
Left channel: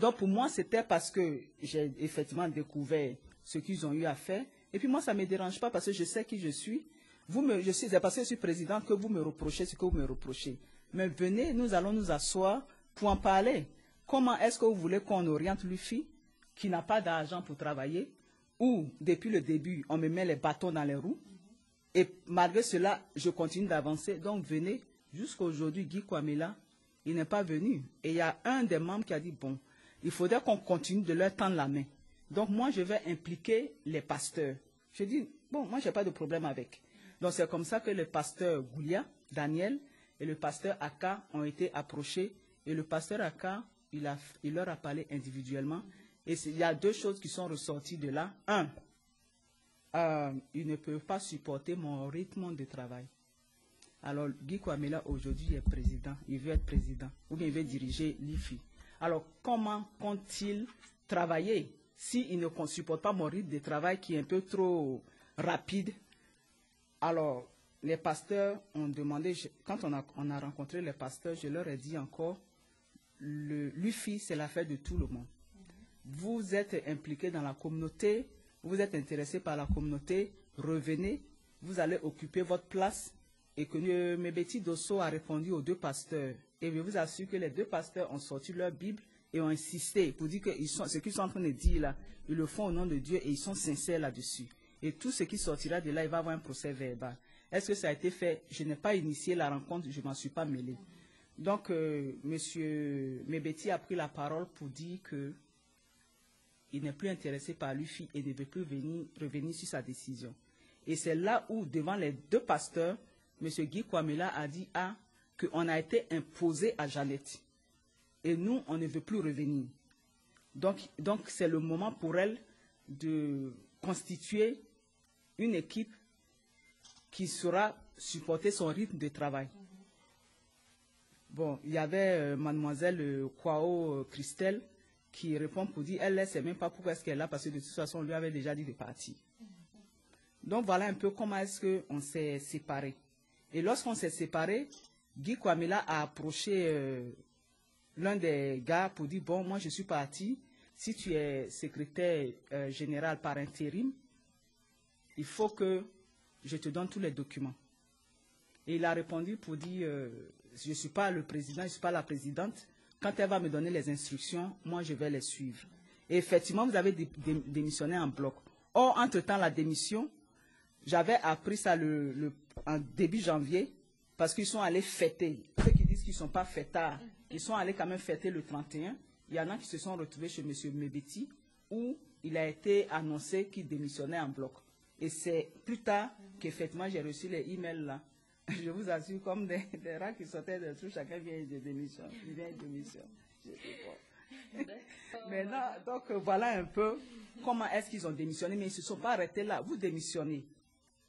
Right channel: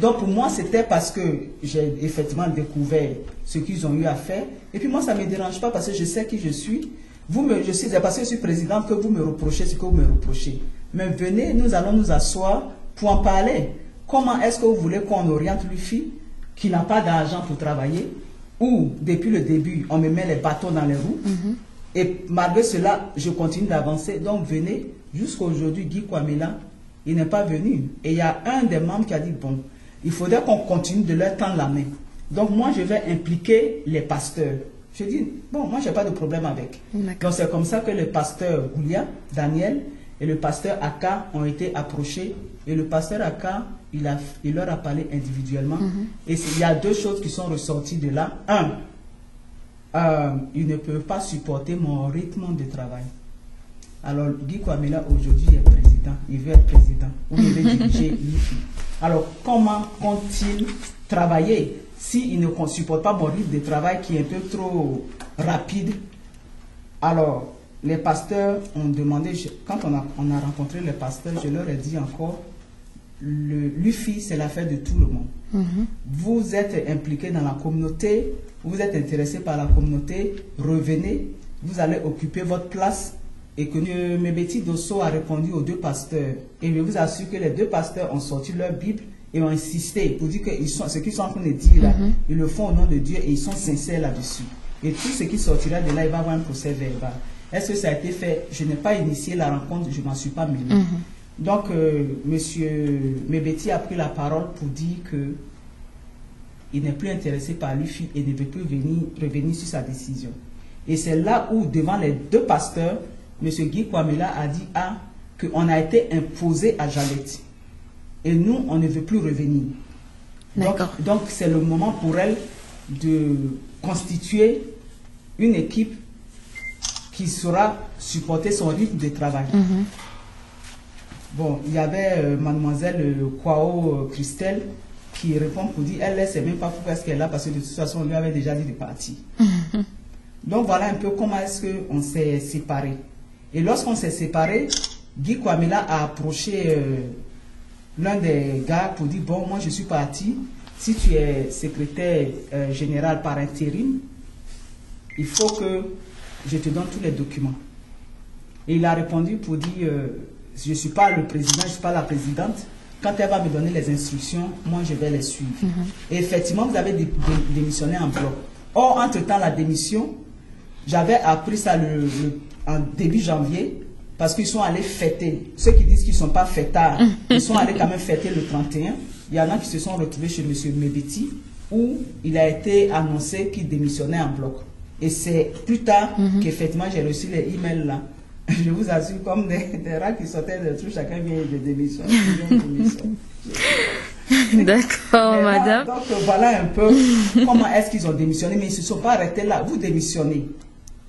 Donc pour moi, c'était parce que j'ai effectivement découvert ce qu'ils ont eu à faire. Et puis moi, ça ne me dérange pas parce que je sais qui je suis. C'est parce que je suis présidente que vous me reprochez ce que vous me reprochez. Mais venez, nous allons nous asseoir pour en parler. Comment est-ce que vous voulez qu'on oriente l'UFI qui n'a pas d'argent pour travailler, ou depuis le début, on me met les bâtons dans les roues, et malgré cela, je continue d'avancer. Donc venez, jusqu'à aujourd'hui, Guy Kwamila, il n'est pas venu. Et il y a un des membres qui a dit, bon, il faudrait qu'on continue de leur tendre la main. Donc moi, je vais impliquer les pasteurs. Je dis, bon, moi, je n'ai pas de problème avec. Donc c'est comme ça que le pasteur Goulia, Daniel, et le pasteur Aka ont été approchés. Et le pasteur Aka, il leur a parlé individuellement. Et il y a deux choses qui sont ressorties de là. Un, ils ne peuvent pas supporter mon rythme de travail. Alors, Guy Kwamila, aujourd'hui, est président. Il veut être président. Ou il veut diriger l'UFI. Alors, comment compte-t-il travailler s'il ne supporte pas mon rythme de travail qui est un peu trop rapide? Alors, les pasteurs ont demandé, quand on a rencontré les pasteurs, je leur ai dit encore, l'UFI, c'est l'affaire de tout le monde. Vous êtes impliqués dans la communauté, vous êtes intéressés par la communauté, revenez, vous allez occuper votre place. Et que M. Mebeti Dosso a répondu aux deux pasteurs. Et je vous assure que les deux pasteurs ont sorti leur Bible et ont insisté pour dire que ce qu'ils sont en train de dire là, ils le font au nom de Dieu et ils sont sincères là-dessus. Et tout ce qui sortira de là, il va avoir un procès verbal. Est-ce que ça a été fait? Je n'ai pas initié la rencontre, je ne m'en suis pas mêlé. Donc, M. Mebeti a pris la parole pour dire qu'il n'est plus intéressé par l'UFI et ne peut plus revenir sur sa décision. Et c'est là où, devant les deux pasteurs, M. Guy Kwamila a dit qu'on a été imposé à Jalet. Et nous, on ne veut plus revenir. Donc c'est le moment pour elle de constituer une équipe qui saura supporter son rythme de travail. Bon, il y avait mademoiselle Kwao Christelle qui répond pour dire, elle ne sait même pas pourquoi est-ce qu'elle est là, parce que de toute façon, on lui avait déjà dit de partir. Donc voilà un peu comment est-ce qu'on s'est séparés. Et lorsqu'on s'est séparés, Guy Kwamila a approché l'un des gars pour dire, bon, moi je suis parti, si tu es secrétaire général par intérim, il faut que je te donne tous les documents. Et il a répondu pour dire, je ne suis pas le président, je ne suis pas la présidente. Quand elle va me donner les instructions, moi je vais les suivre. Et effectivement, vous avez démissionné en bloc. Or, entre-temps, la démission, j'avais appris ça en début janvier, parce qu'ils sont allés fêter. Ceux qui disent qu'ils ne sont pas fêtards, ils sont allés quand même fêter le 31. Il y en a qui se sont retrouvés chez M. Mebeti, où il a été annoncé qu'il démissionnait en bloc. Et c'est plus tard qu'effectivement j'ai reçu les emails là. Je vous assure, comme des rats qui sortaient de trucs, chacun vient de démissionner. D'accord, madame. Donc voilà un peu comment est-ce qu'ils ont démissionné, mais ils ne se sont pas arrêtés là. Vous démissionnez.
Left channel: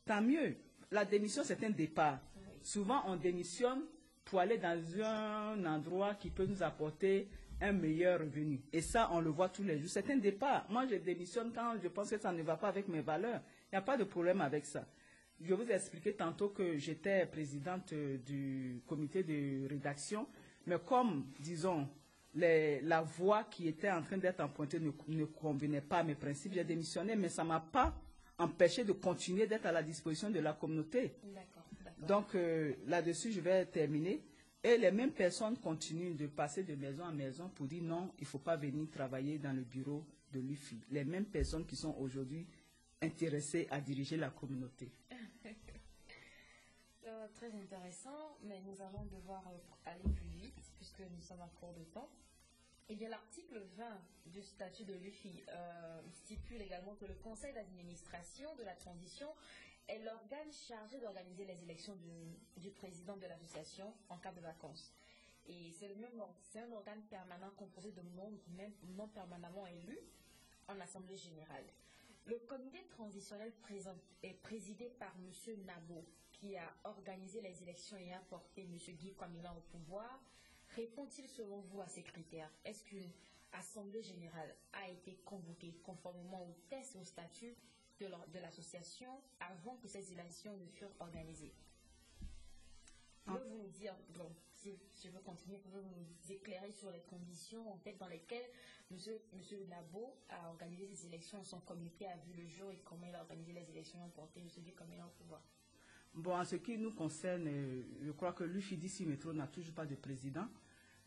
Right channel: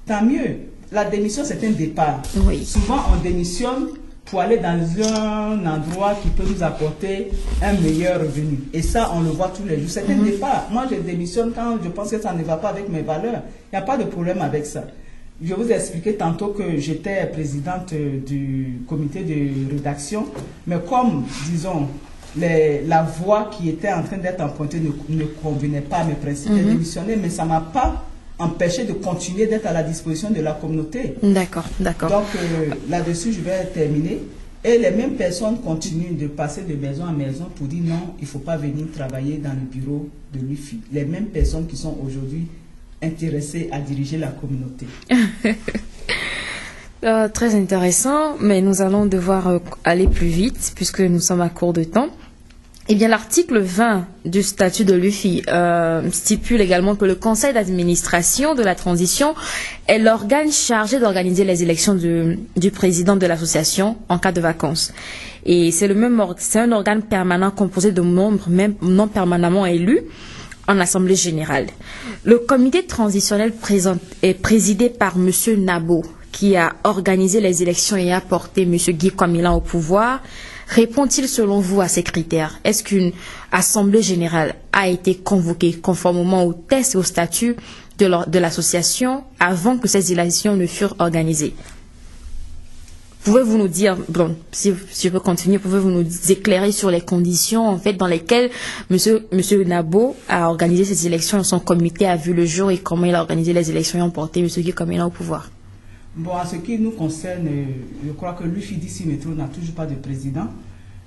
Tant mieux. La démission, c'est un départ. Oui. Souvent, on démissionne pour aller dans un endroit qui peut nous apporter un meilleur revenu. Et ça, on le voit tous les jours. C'est un départ. Moi, je démissionne quand je pense que ça ne va pas avec mes valeurs. Il n'y a pas de problème avec ça. Je vous ai expliqué tantôt que j'étais présidente du comité de rédaction, mais comme, disons, la voie qui était en train d'être empruntée ne convenait pas à mes principes, j'ai démissionné, mais ça ne m'a pas empêché de continuer d'être à la disposition de la communauté. D'accord, d'accord. Donc, là-dessus, je vais terminer. Et les mêmes personnes continuent de passer de maison en maison pour dire non, il ne faut pas venir travailler dans le bureau de l'UFI. Les mêmes personnes qui sont aujourd'hui intéressées à diriger la communauté. Très intéressant, mais nous allons devoir aller plus vite puisque nous sommes à court de temps. Eh bien, l'article 20 du statut de l'UFI stipule également que le conseil d'administration de la transition est l'organe chargé d'organiser les élections du président de l'association en cas de vacances. Et c'est un organe permanent composé de membres même non permanemment élus en assemblée générale. Le comité transitionnel est présidé par M. Nabo, qui a organisé les élections et a porté M. Guy Kwamila au pouvoir. Répond-il selon vous à ces critères? Est-ce qu'une assemblée générale a été convoquée conformément aux tests et aux statuts de l'association avant que ces élections ne furent organisées? Pouvez-vous nous dire, bon, si je peux continuer, pouvez-vous nous éclairer sur les conditions en fait dans lesquelles Monsieur Nabo a organisé ces élections et son comité a vu le jour et comment il a organisé les élections et emporté M. Guy Kwamila au pouvoir? Bon, en ce qui nous concerne, je crois que l'UFIDC Métro n'a toujours pas de président.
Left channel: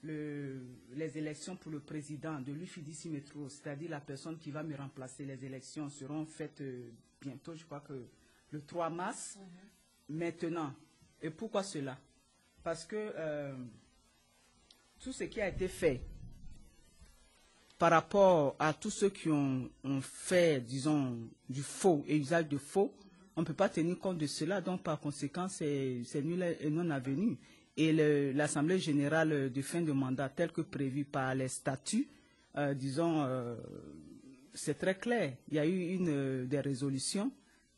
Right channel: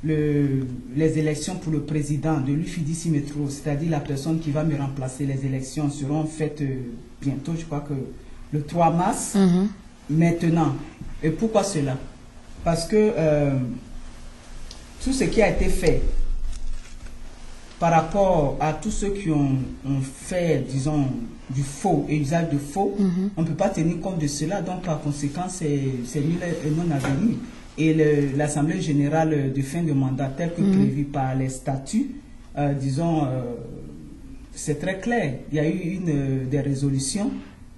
Les élections pour le président de l'UFIDC Métro, c'est-à-dire la personne qui va me remplacer, les élections seront faites bientôt, je crois que le 3 mars. Maintenant. Et pourquoi cela? Parce que tout ce qui a été fait par rapport à tous ceux qui ont fait, disons, du faux et usage de faux, on ne peut pas tenir compte de cela, donc par conséquent, c'est nul et non avenu. Et l'Assemblée générale de fin de mandat, telle que prévue par les statuts, disons, c'est très clair. Il y a eu des résolutions,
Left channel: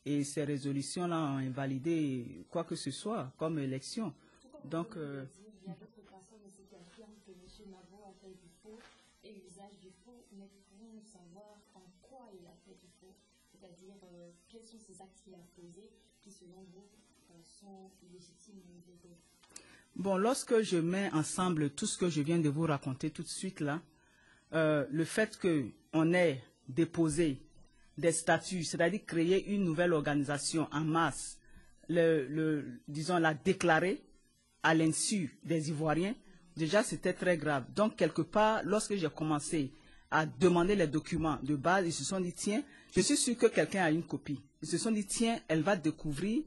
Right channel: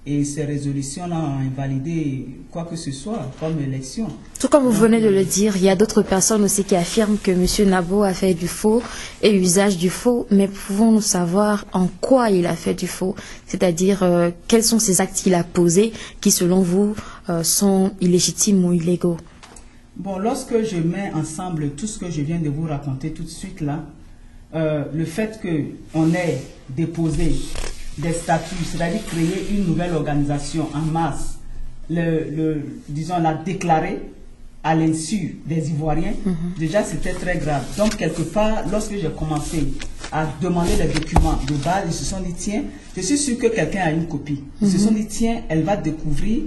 et ces résolutions-là ont invalidé quoi que ce soit comme élection. Tout comme vous venez de le dire, il y a d'autres personnes aussi qui affirment que M. Nabo a fait du faux et usage du faux, mais pouvons-nous savoir en quoi il a fait du faux? C'est-à-dire, quels sont ces actes qu'il a posés qui, selon vous, sont illégitimes ou illégaux? Bon, lorsque je mets ensemble tout ce que je viens de vous raconter tout de suite là, le fait qu'on ait déposé des statuts, c'est-à-dire créer une nouvelle organisation en masse, disons, la déclarer à l'insu des Ivoiriens, déjà c'était très grave. Donc quelque part, lorsque j'ai commencé à demander les documents de base, ils se sont dit, tiens, je suis sûr que quelqu'un a une copie. Ils se sont dit, tiens, elle va découvrir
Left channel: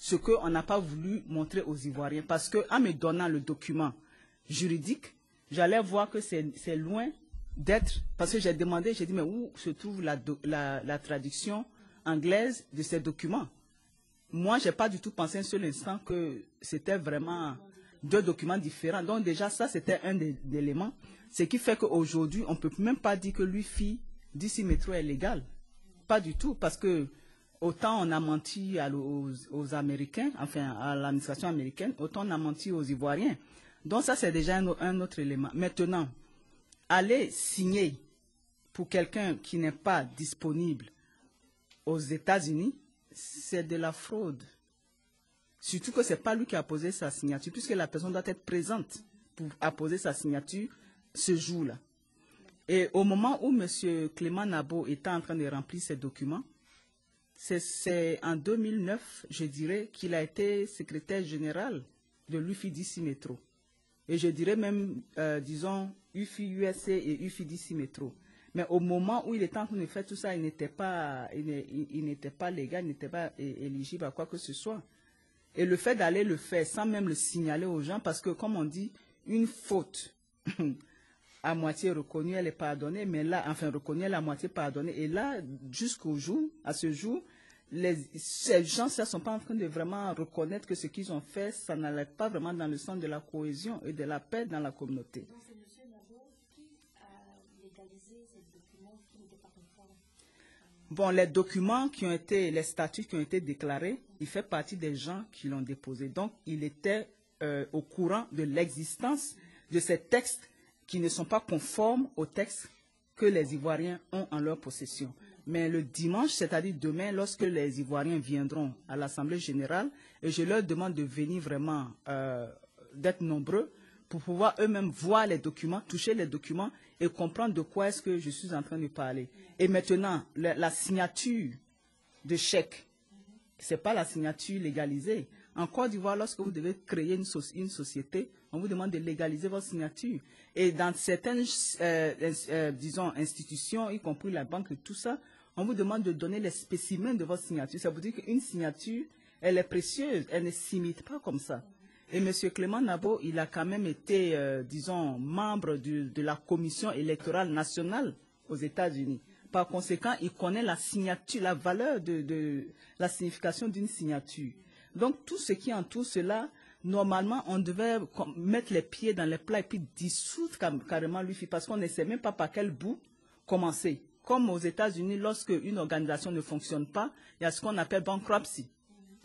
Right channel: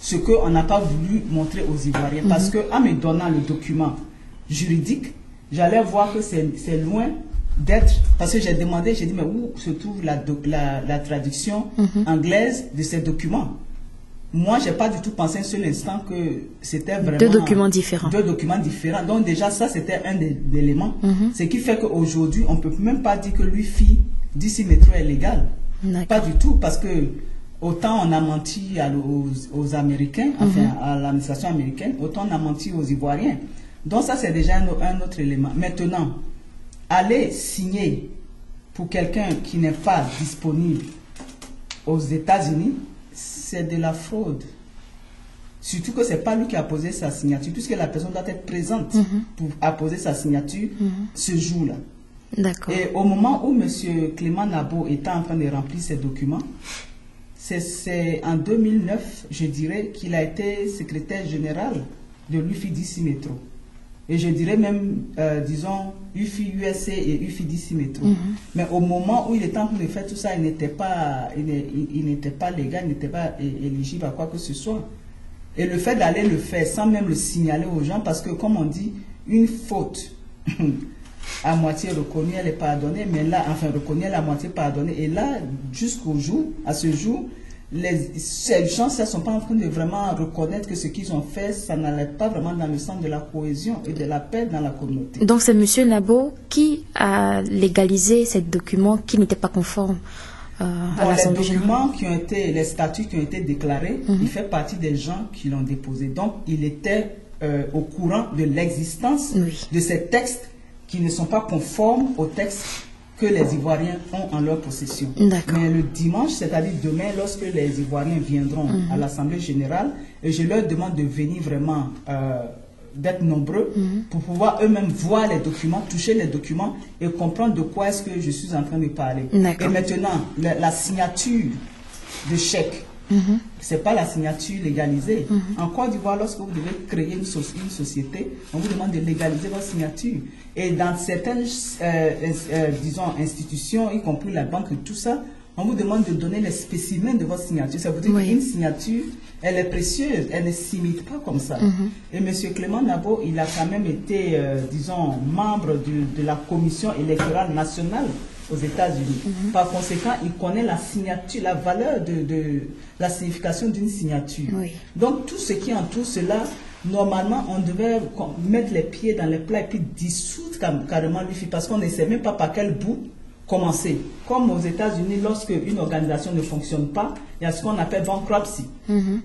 ce qu'on n'a pas voulu montrer aux Ivoiriens. Parce qu'en me donnant le document juridique, j'allais voir que c'est loin d'être, parce que j'ai demandé, j'ai dit, mais où se trouve la traduction anglaise de ces documents? Moi, je n'ai pas du tout pensé un seul instant que c'était vraiment... Deux documents différents. Deux documents différents. Donc déjà, ça, c'était un des éléments. Ce qui fait qu'aujourd'hui, on ne peut même pas dire que l'UFI d'ici métro est légal. Pas du tout, parce que autant on a menti aux Américains, enfin à l'administration américaine, autant on a menti aux Ivoiriens. Donc ça, c'est déjà un autre élément. Maintenant, aller signer pour quelqu'un qui n'est pas disponible aux États-Unis, c'est de la fraude. Surtout que ce n'est pas lui qui a posé sa signature, puisque la personne doit être présente pour apposer sa signature ce jour-là. D'accord. Et au moment où M. Clément Nabo était en train de remplir ses documents, c'est en 2009, je dirais, qu'il a été secrétaire général de l'UFI-DC Métro. Et je dirais même, disons, UFI-USC et UFI-DC Métro. Mais au moment où il était en train de faire tout ça, il n'était pas légal, il n'était pas éligible à quoi que ce soit. Et le fait d'aller le faire sans même le signaler aux gens, parce que comme on dit, une faute à moitié reconnue, elle est pardonnée, mais là, enfin reconnue, elle est à moitié pardonnée. Et là, jusqu'au jour, à ce jour, ces gens ne sont pas en train de vraiment reconnaître que ce qu'ils ont fait, ça n'allait pas vraiment dans le sens de la cohésion et de la paix dans la communauté. Donc c'est M. Nabo qui a légalisé ces documents qui n'étaient pas conformes à l'Assemblée générale. Les documents qui ont été, les statuts qui ont été déclarés, il fait partie des gens qui l'ont déposé. Donc il était au courant de l'existence de ces textes qui ne sont pas conformes aux textes que les Ivoiriens ont en leur possession. Mais le dimanche, c'est-à-dire demain, lorsque les Ivoiriens viendront à l'Assemblée générale, et je leur demande de venir vraiment, d'être nombreux, pour pouvoir eux-mêmes voir les documents, toucher les documents et comprendre de quoi est-ce que je suis en train de parler. Et maintenant, la signature de chèque, ce n'est pas la signature légalisée. En Côte d'Ivoire, lorsque vous devez créer une société, on vous demande de légaliser votre signature. Et dans certaines, disons, institutions, y compris la banque et tout ça, on vous demande de donner les spécimens de votre signature. Ça veut dire qu'une signature, elle est précieuse, elle ne s'imite pas comme ça. Et M. Clément Nabo, il a quand même été, disons, membre de la commission électorale nationale aux États-Unis. Par conséquent, il connaît la signature, la valeur de la signification d'une signature. Donc, tout ce qui entoure cela, normalement, on devait mettre les pieds dans les plats et puis dissoudre carrément l'UFI, parce qu'on ne sait même pas par quel bout commencer. Comme aux États-Unis, lorsque une organisation ne fonctionne pas, il y a ce qu'on appelle bankruptcy.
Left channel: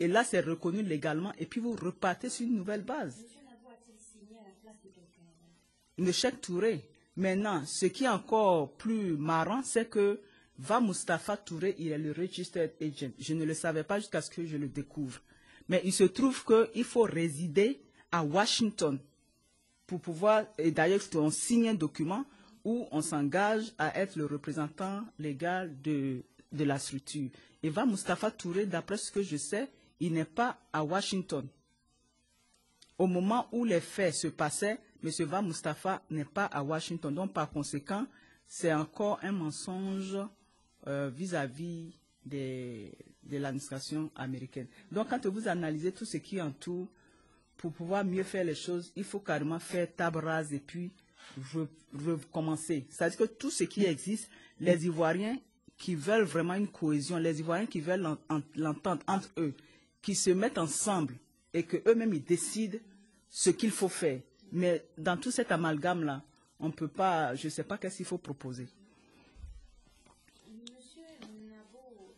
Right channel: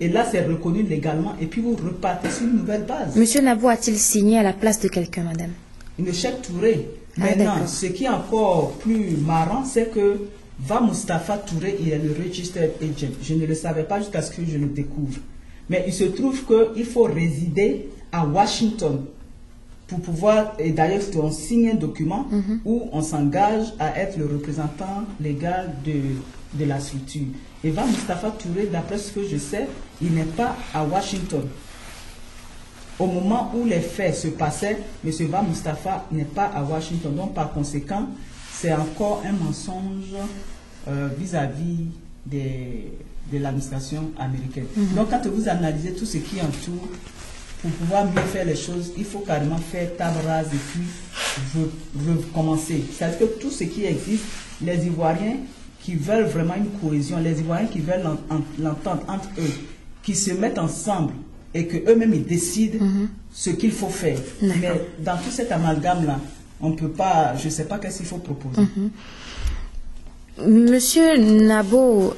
Et là, c'est reconnu légalement et puis vous repartez sur une nouvelle base. Monsieur Nabo a-t-il signé à la place de quelqu'un, madame? Une chèque Touré. Maintenant, ce qui est encore plus marrant, c'est que Va Moustapha Touré, il est le registered agent. Je ne le savais pas jusqu'à ce que je le découvre. Mais il se trouve qu'il faut résider à Washington pour pouvoir, et d'ailleurs on signe un document où on s'engage à être le représentant légal de la structure. Et Va Moustapha Touré, d'après ce que je sais, il n'est pas à Washington. Au moment où les faits se passaient, M. Va Moustapha n'est pas à Washington. Donc par conséquent, c'est encore un mensonge vis-à-vis de l'administration américaine. Donc quand vous analysez tout ce qui entoure, pour pouvoir mieux faire les choses, il faut carrément faire table rase et puis recommencer. C'est-à-dire que tout ce qui existe, les Ivoiriens qui veulent vraiment une cohésion, les Ivoiriens qui veulent l'entente entre eux, qui se mettent ensemble et qu'eux-mêmes ils décident ce qu'il faut faire. Mais dans tout cet amalgame-là, on ne peut pas, je ne sais pas qu'est-ce qu'il faut proposer. Monsieur Nabo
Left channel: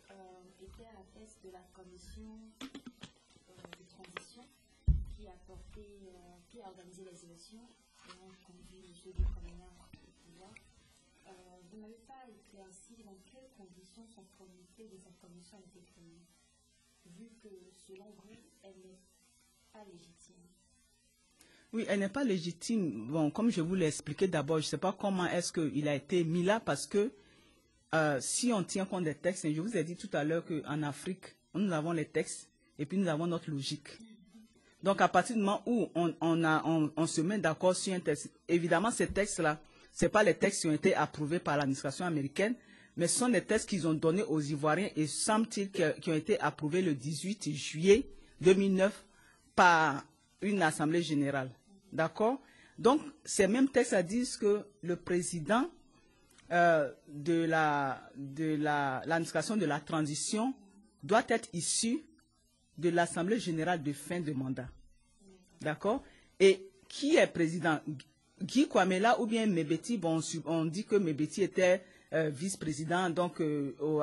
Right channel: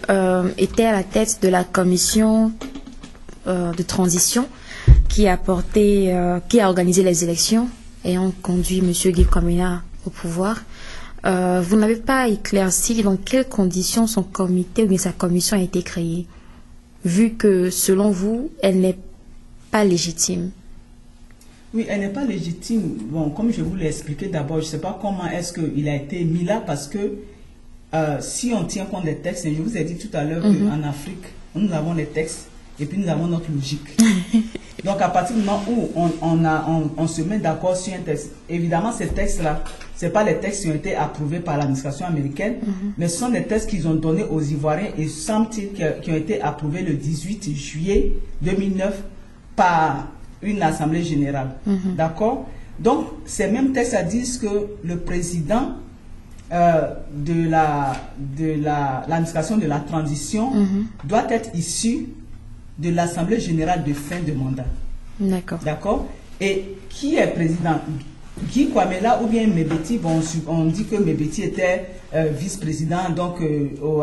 était à la tête de la commission de transition qui a organisé les élections et a conduit M. Guy Kwamena au pouvoir. Vous n'avez pas éclairci dans quelles conditions son comité ou bien sa commission a été créée, vu que, selon vous, elle n'est pas légitime. Oui, elle n'est pas légitime. Bon, comme je vous l'ai expliqué d'abord, je ne sais pas comment est-ce qu'il a été mis là, parce que si on tient compte des textes, et je vous ai dit tout à l'heure qu'en Afrique, nous avons les textes et puis nous avons notre logique. Donc à partir du moment où on se met d'accord sur un texte, évidemment ces textes-là, ce n'est pas les textes qui ont été approuvés par l'administration américaine, mais ce sont des textes qu'ils ont donnés aux Ivoiriens et semble-t-il qui ont été approuvés le 18 juillet 2009 par une assemblée générale. D'accord? Donc ces mêmes textes disent que le président de l'administration de la transition doit être issu de l'Assemblée générale de fin de mandat. D'accord. Et qui est président? Guy Kwamena ou bien Mebeti? Bon, on dit que Mebeti était vice-président, donc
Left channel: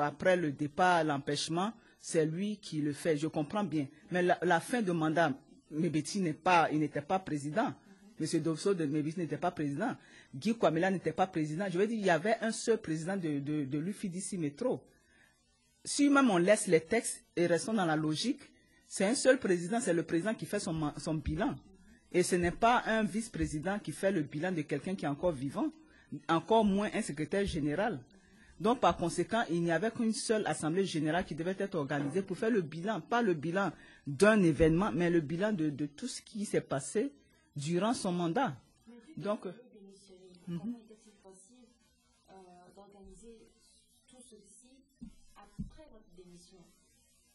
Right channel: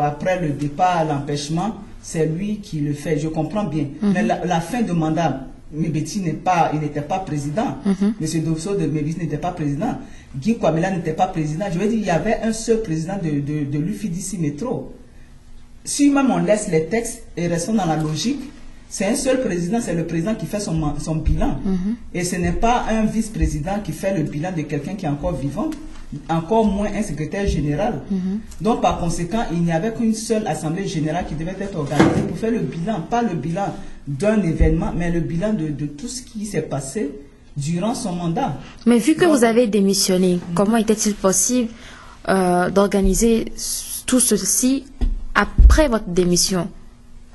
après le départ, l'empêchement, c'est lui qui le fait. Je comprends bien. Mais la fin de mandat, Mebeti n'était pas président. Monsieur Dosso de Mebeti n'était pas président. Guy Kwamena n'était pas président. Je veux dire, il y avait un seul président de l'UFI-DC Métro. Si même on laisse les textes et restons dans la logique, c'est un seul président, c'est le président qui fait son bilan. Et ce n'est pas un vice-président qui fait le bilan de quelqu'un qui est encore vivant, encore moins un secrétaire général. Donc, par conséquent, il n'y avait qu'une seule assemblée générale qui devait être organisée pour faire le bilan, pas le bilan d'un événement, mais le bilan de tout ce qui s'est passé durant son mandat. Mais vu que vous avez démissionné, comment était-il possible d'organiser tout ceci après votre démission?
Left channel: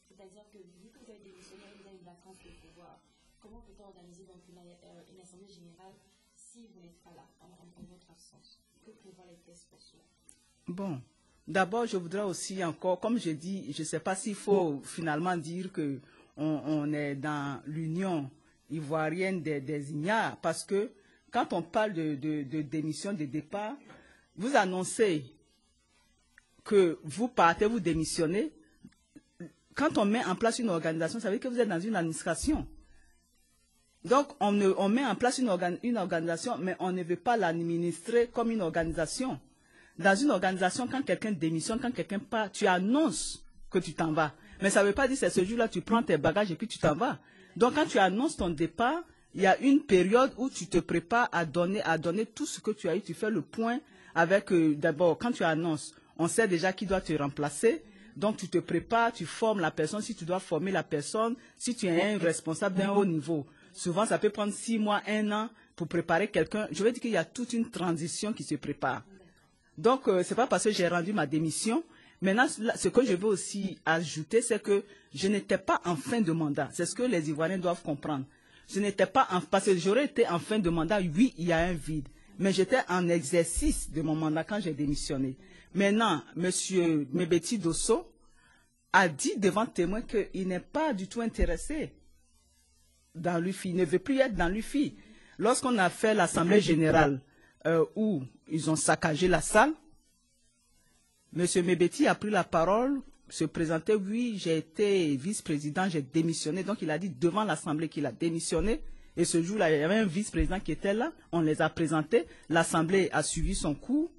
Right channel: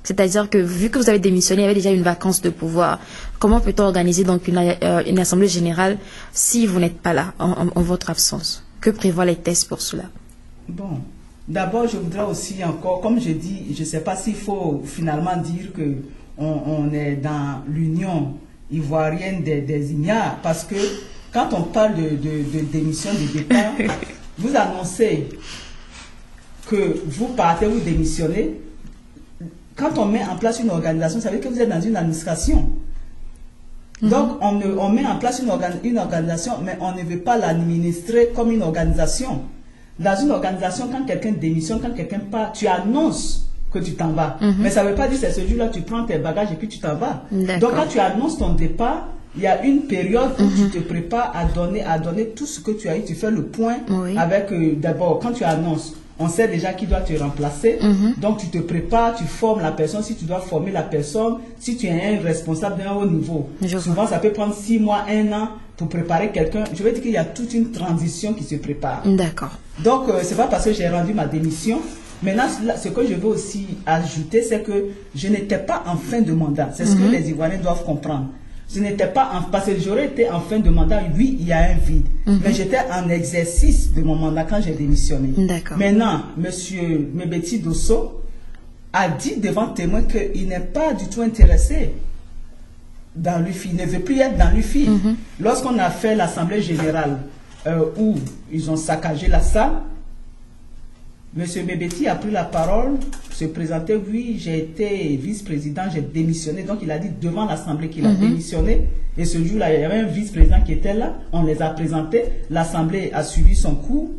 C'est-à-dire que vu que vous avez démissionné, il y avait déjà une vacance de pouvoir. Comment peut-on organiser donc une assemblée générale si vous n'êtes pas là, en votre absence? Que prévoient les textes pour cela? Bon, d'abord, je voudrais aussi encore, comme je dis, je ne sais pas s'il faut finalement dire qu'on est dans l'Union ivoirienne des ignares, parce que quand on parle de démission de départ, vous annoncez que vous partez, vous démissionnez. Quand on met en place une organisation, ça veut dire que vous êtes dans une administration. Donc, on met en place une organisation, mais on ne veut pas l'administrer comme une organisation. Dans une organisation, quand quelqu'un démissionne, quand quelqu'un part, tu annonces que tu t'en vas. Mais ça ne veut pas dire que c'est ce jour-là, tu prends tes bagages et puis tu t'en vas. Donc, quand tu annonces ton départ, il y a une période où tu te prépares à donner tout ce que tu as eu. Tu fais le point avec, d'abord, quand tu annonces, on sait déjà qui doit te remplacer. Donc, tu te prépares, tu formes la personne. Si tu dois former la personne, si tu es un responsable d'un haut niveau, souvent, ça peut prendre 6 mois, 1 an pour préparer quelqu'un. Je veux dire qu'il y a toute une transition qui se prépare. D'accord. Donc, c'est pas parce que j'ai rendu ma démission. Maintenant, ce que je veux aussi ajouter, c'est que je n'étais pas en fin de mandat. C'est ce que les Ivoiriens doivent comprendre. Je n'étais pas parce que j'aurais été en fin de mandat, oui, il y a un vide. Mais j'étais en exercice de mon mandat quand j'ai démissionné. Maintenant, M. Mebeti Dosso a dit devant témoin qu'il n'est pas du tout intéressé dans l'UFI. Il ne veut plus être dans l'UFI. Lorsqu'on a fait l'Assemblée générale où ils ont saccagé la salle, M. Mebeti a pris la parole, se présentait, oui, j'ai été vice-président, j'ai démissionné. Donc, il a dit devant l'Assemblée qu'il a démissionné. Et ce jour-là, il y avait un vice-président qui était là. On les a présentés. L'Assemblée a suivi son cours.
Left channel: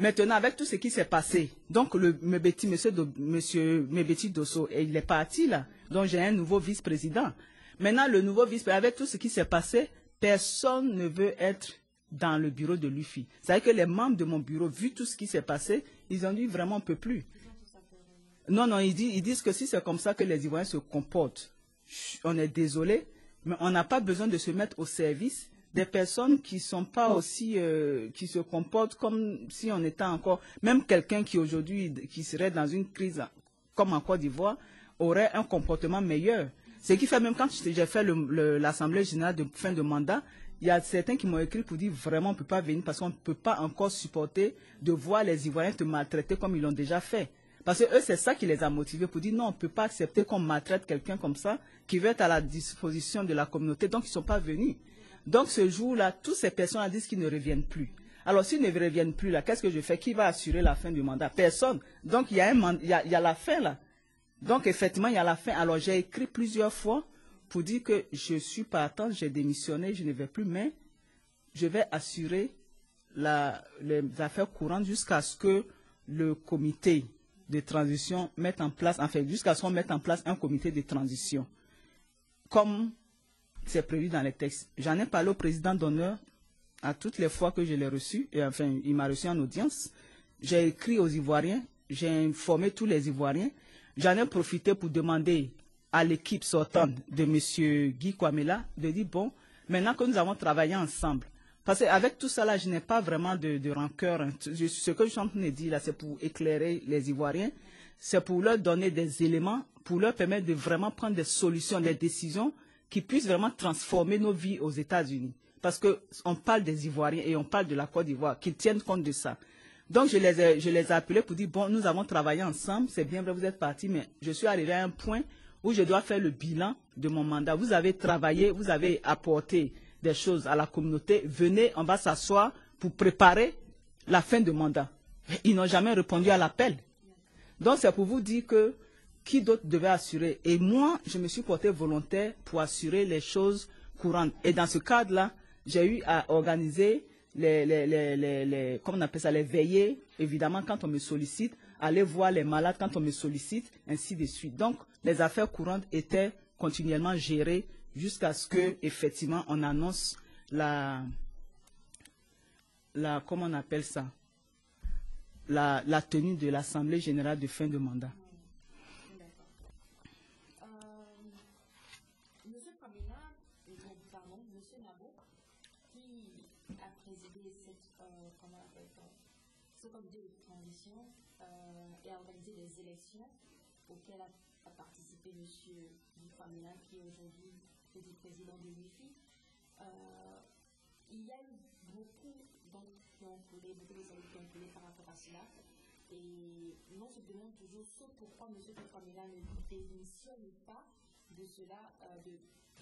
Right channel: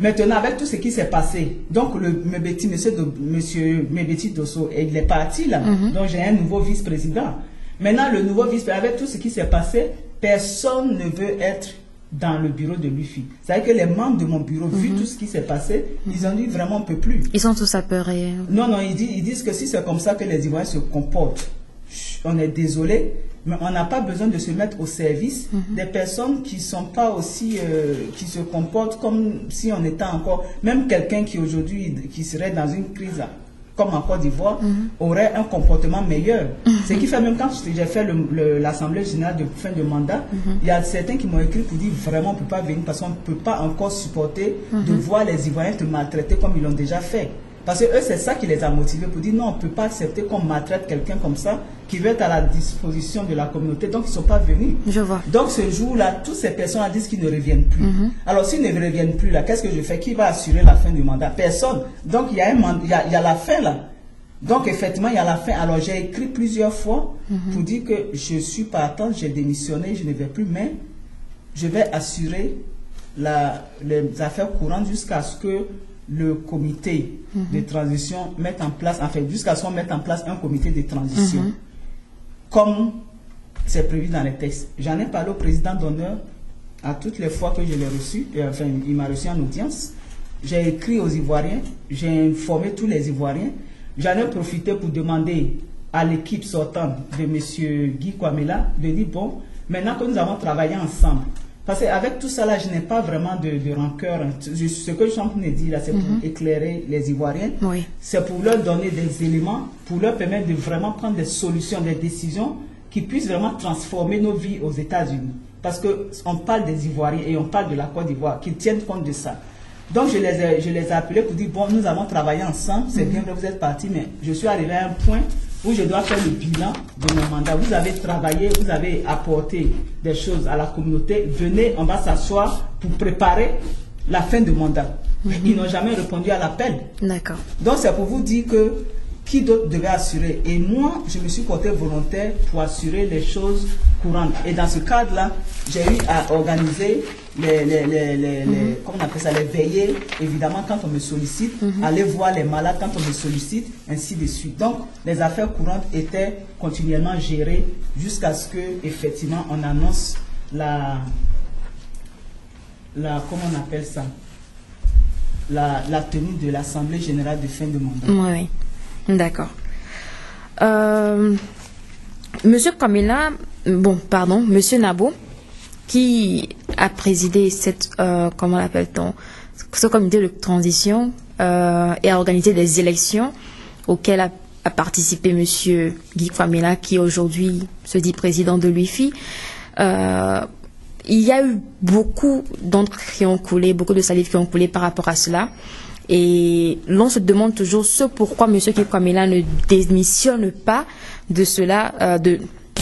Maintenant, avec tout ce qui s'est passé, donc le Mebeti, monsieur Mebeti Dosso, il est parti là. Donc, j'ai un nouveau vice-président. Maintenant, le nouveau vice-président, avec tout ce qui s'est passé, personne ne veut être dans le bureau de l'UFI. C'est-à-dire que les membres de mon bureau, vu tout ce qui s'est passé, ils ont dit vraiment on ne peut plus. Ils sont tous apeurés. Non, ils disent que si c'est comme ça que les Ivoiriens se comportent, on est désolé, mais on n'a pas besoin de se mettre au service des personnes qui ne sont pas aussi, qui se comportent comme si on était encore, même quelqu'un qui aujourd'hui, qui serait dans une crise comme en Côte d'Ivoire, aurait un comportement meilleur. Ce qui fait, même quand j'ai fait l'Assemblée générale de fin de mandat, il y a certains qui m'ont écrit pour dire vraiment on ne peut pas venir parce qu'on ne peut pas encore supporter de voir les Ivoiriens te maltraiter comme ils l'ont déjà fait. Parce que eux, c'est ça qui les a motivés pour dire non, on ne peut pas accepter qu'on maltraite quelqu'un comme ça qui veut être à la disposition de la communauté. Donc, ils ne sont pas venus. Je vois. Donc, ce jour-là, toutes ces personnes disent qu'ils ne reviennent plus. Alors, s'ils ne reviennent plus, là, qu'est-ce que je fais? Qui va assurer la fin du mandat? Personne. Donc, il y a la fin, là. Donc, effectivement, il y a la fin. Alors, j'ai écrit plusieurs fois pour dire que je suis partant, j'ai démissionné, je ne vais plus, mais je vais assurer les affaires courantes jusqu'à ce que le comité de transition mette en place, enfin, jusqu'à ce qu'on mette en place un comité de transition, comme c'est prévu dans les textes. J'en ai parlé au président d'honneur à toutes les fois que je l'ai reçu, enfin, il m'a reçu en audience. J'ai écrit aux Ivoiriens, j'ai informé tous les Ivoiriens. J'en ai profité pour demander à l'équipe sortante de M. Guy Kwamela de dire, bon, maintenant que nous avons travaillé ensemble, parce qu'avec tout ça là, je n'ai pas vraiment de rancœur. Ce que je suis en train de dire là, c'est pour éclairer les Ivoiriens. C'est pour leur donner des éléments, pour leur permettre de vraiment prendre des solutions, des décisions qui puissent vraiment transformer nos vies aux États-Unis. Parce qu'on parle des Ivoiriens et on parle de la Côte d'Ivoire, qu'ils tiennent compte de ça. Donc, je les ai appelés pour dire, bon, nous avons travaillé ensemble, c'est bien que vous êtes partis, mais je suis arrivé à un point où je dois faire le bilan de mon mandat. Vous avez travaillé, vous avez apporté des choses à la communauté. Venez, on va s'asseoir pour préparer la fin du mandat. Ils n'ont jamais répondu à l'appel. D'accord. Donc, c'est pour vous dire que qui d'autre devait assurer. Et moi, je me suis porté volontaire pour assurer les choses courantes. Et dans ce cadre-là, j'ai eu à organiser comment on appelle ça, les veillées, évidemment, quand on me sollicite, aller voir les malades quand on me sollicite, ainsi de suite. Donc, les affaires courantes étaient continuellement gérées jusqu'à ce que, effectivement, on annonce comment on appelle ça, la tenue de l'Assemblée générale de fin de mandat. Oui, d'accord. Monsieur Kwamina, Monsieur Nabo, qui a présidé comment l'appelle-t-on, ce comité de transition et a organisé des élections auxquelles a participé Monsieur Guy Kwamina, qui aujourd'hui se dit président de l'UFI. Il y a eu beaucoup d'encre qui ont coulé, beaucoup de salive qui ont coulé par rapport à cela. Et l'on se demande toujours pourquoi M. Guy Kwamina ne démissionne pas de cela, de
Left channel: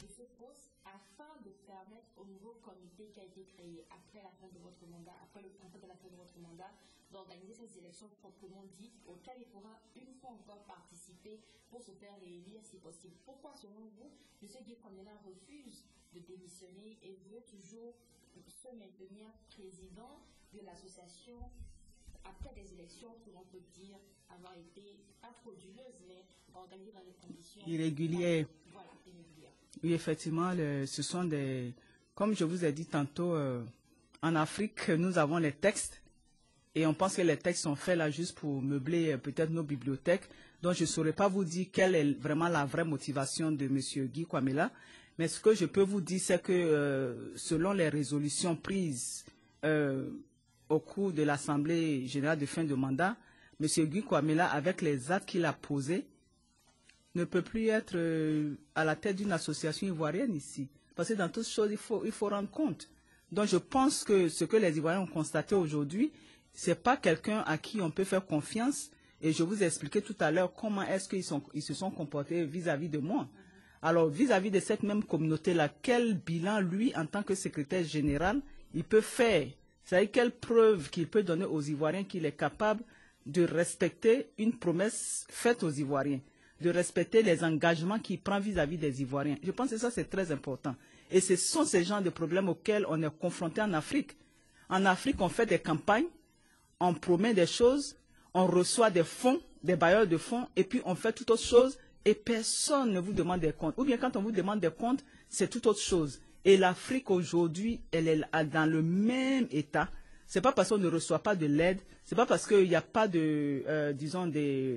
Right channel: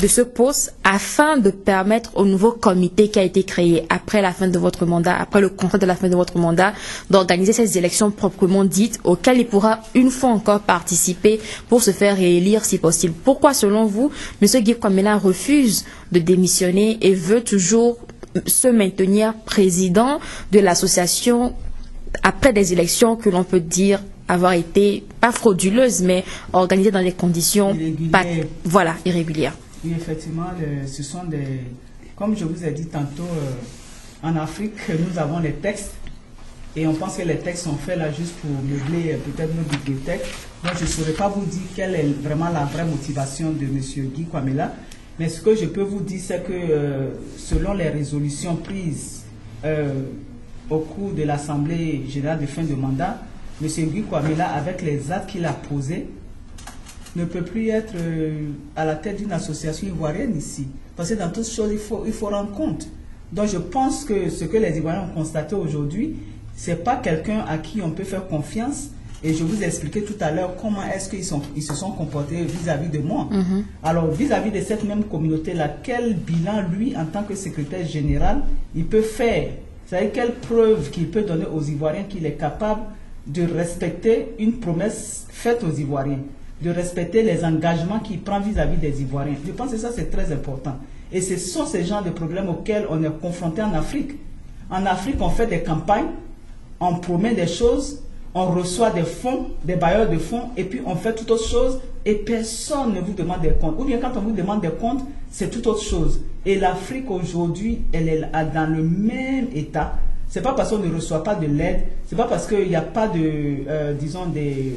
ce poste, afin de permettre au nouveau comité qui a été créé après la fin de votre mandat, après le contrat de la fin de votre mandat, d'organiser ces élections proprement dites, auxquelles il pourra une fois encore participer pour se faire réélire si possible. Pourquoi, selon vous, M. Guy Kwamina refuse de démissionner et veut toujours se maintenir président de l'association après des élections que l'on peut dire avoir été, pas frauduleuses, mais organisées dans des conditions irrégulières. Oui, effectivement, ce sont comme je vous ai dit tantôt, en Afrique, nous avons les textes et on pense que les textes sont faits là juste pour meubler peut-être nos bibliothèques. Donc, je ne saurais pas vous dire quelle est vraiment la vraie motivation de M. Guy Kwamina. Mais ce que je peux vous dire, c'est que selon les résolutions prises au cours de l'Assemblée générale de fin de mandat, M. Guy Kwamina, avec les actes qu'il a posés, ne peut plus être à la tête d'une association ivoirienne ici. Parce que dans toutes choses, il faut rendre compte. Donc je pense que ce que les Ivoiriens ont constaté aujourd'hui, ce n'est pas quelqu'un à qui on peut faire confiance. Et je vous ai expliqué tout à l'heure comment est-ce qu'ils se sont comportés vis-à-vis de moi. Alors vis-à-vis de cette même communauté-là, quel bilan, lui, en tant que secrétaire général, il peut faire? C'est-à-dire quelle preuve qu'il peut donner aux Ivoiriens qu'il est capable de respecter une promesse faite aux Ivoiriens, de respecter les engagements qu'il prend vis-à-vis des Ivoiriens. Je pense que ça, c'est très important. Et ce sont ces genres de problèmes auxquels on est confronté en Afrique. En Afrique, on fait des campagnes, on promet des choses, on reçoit des fonds, des bailleurs de fonds, et puis on fait toute autre chose, et personne ne vous demande des comptes. Ou bien quand on vous demande des comptes, c'est toute autre chose. Et l'Afrique aujourd'hui, elle est dans le même état. Ce n'est pas parce qu'on ne reçoit pas de l'aide, ce n'est pas parce qu'il n'y a pas de, disons, des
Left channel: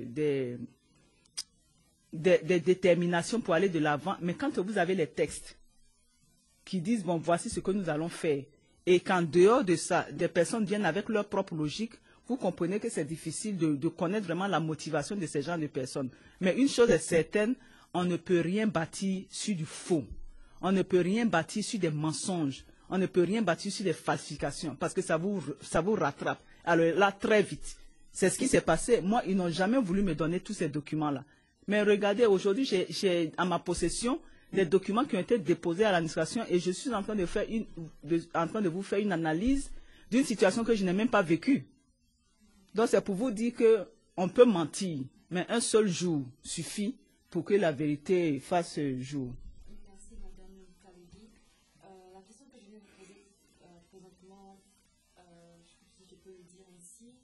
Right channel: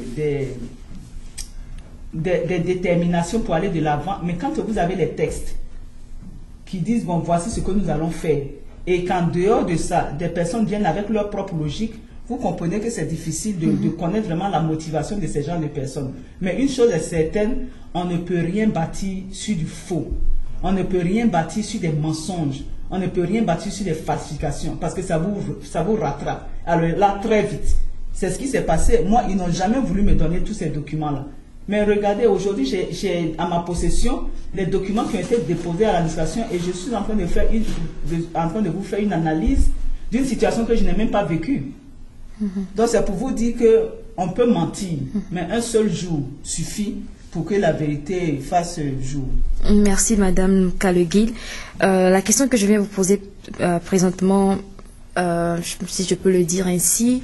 déterminations pour aller de l'avant. Mais quand vous avez les textes qui disent, bon, voici ce que nous allons faire, et qu'en dehors de ça, des personnes viennent avec leur propre logique, vous comprenez que c'est difficile de connaître vraiment la motivation de ces genres de personnes. Mais une chose est certaine, on ne peut rien bâtir sur du faux. On ne peut rien bâtir sur des mensonges. On ne peut rien bâtir sur des falsifications parce que ça vous rattrape. Alors là, très vite, c'est ce qui s'est passé. Moi, ils n'ont jamais voulu me donner tous ces documents-là. Mais regardez, aujourd'hui, j'ai à ma possession les documents qui ont été déposés à l'administration et je suis en train de vous faire une analyse d'une situation que je n'ai même pas vécue. Donc c'est pour vous dire qu'on peut mentir, mais un seul jour suffit pour que la vérité fasse jour. Merci Madame Kaleguil. La question que je viens vous poser présentement, si je peux le dire ainsi,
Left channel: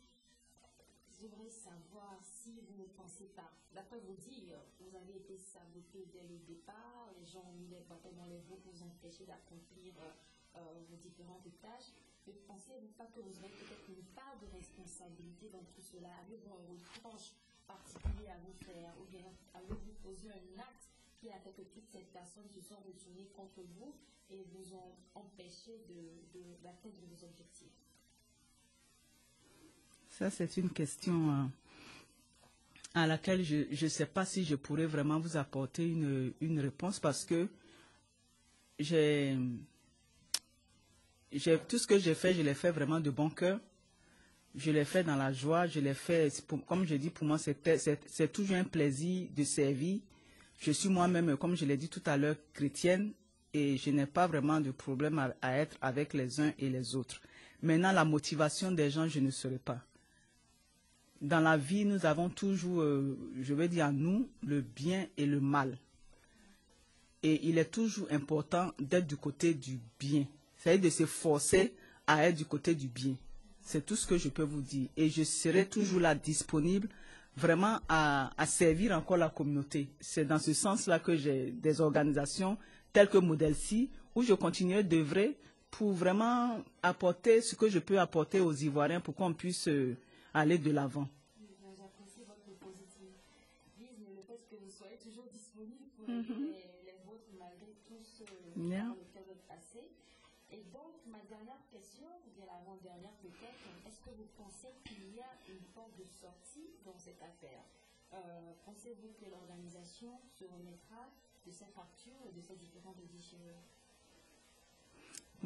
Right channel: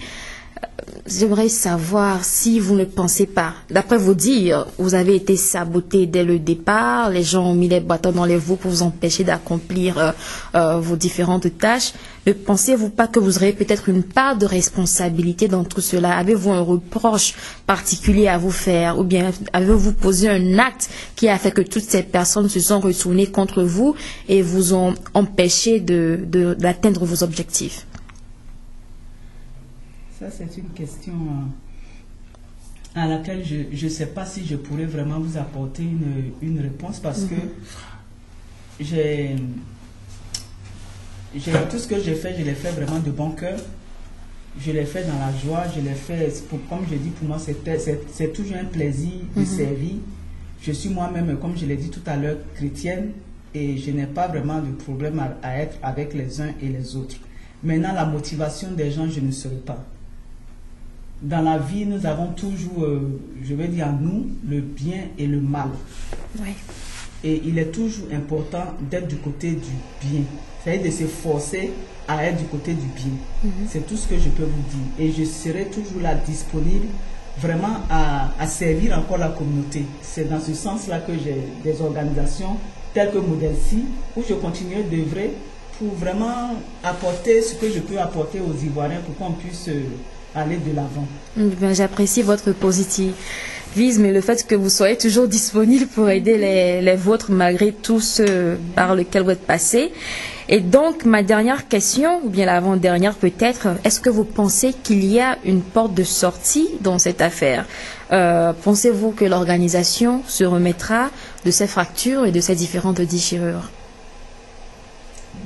j'aimerais savoir si vous ne pensez pas, d'après vos dires, vous avez été saboté dès le départ, les gens ont mis les bâtons dans les roues pour vous empêcher d'accomplir vos différentes tâches. Ne pensez-vous pas que vous aurez peut-être une part de responsabilité dans tout cela? Avez-vous un reproche particulier à vous faire ou bien avez-vous posé un acte qui a fait que toutes ces personnes se sont retournées contre vous et vous ont empêché d'atteindre vos objectifs? Ça, c'est une question à laquelle je ne sais pas si je pourrais vraiment vous apporter une réponse parce que tout ce que j'ai fait, je l'ai fait vraiment de bon cœur. Je l'ai fait dans la joie, je l'ai fait, comme je dis, pour moi, c'est toujours un plaisir de servir. Je suis moi-même, comme je l'ai dit tout à l'heure, chrétienne et je n'ai pas vraiment de problème à être avec les uns et les autres. Maintenant, la motivation des gens, je ne saurais pas. Dans la vie, nous avons toujours, je vais dire en nous, le bien et le mal. Oui. Et il est toujours important d'être du côté du bien. c'est-à-dire de se forcer à être du côté du bien. C'est tout ce que je peux vous dire. Et je serai toujours là disponible vraiment à servir encore la communauté. C'est dans ce sens-là que j'ai des organisations telles que Modèle-ci, où je continuerai d'œuvrer pour vraiment apporter ce que je peux apporter aux Ivoiriens pour qu'on puisse aller de l'avant. J'apprécie votre positivisme et le fait que vous soyez toujours disponible pour aider les vôtres malgré tout ce par lequel vous êtes passé. Et donc, ma dernière question, ou bien l'avant-dernière peut-être, est-ce que vous pensez qu'il y a une porte de sortie dans cette affaire? Pensez-vous que l'organisation se remettra de ces fractures et de ces différentes déchirures?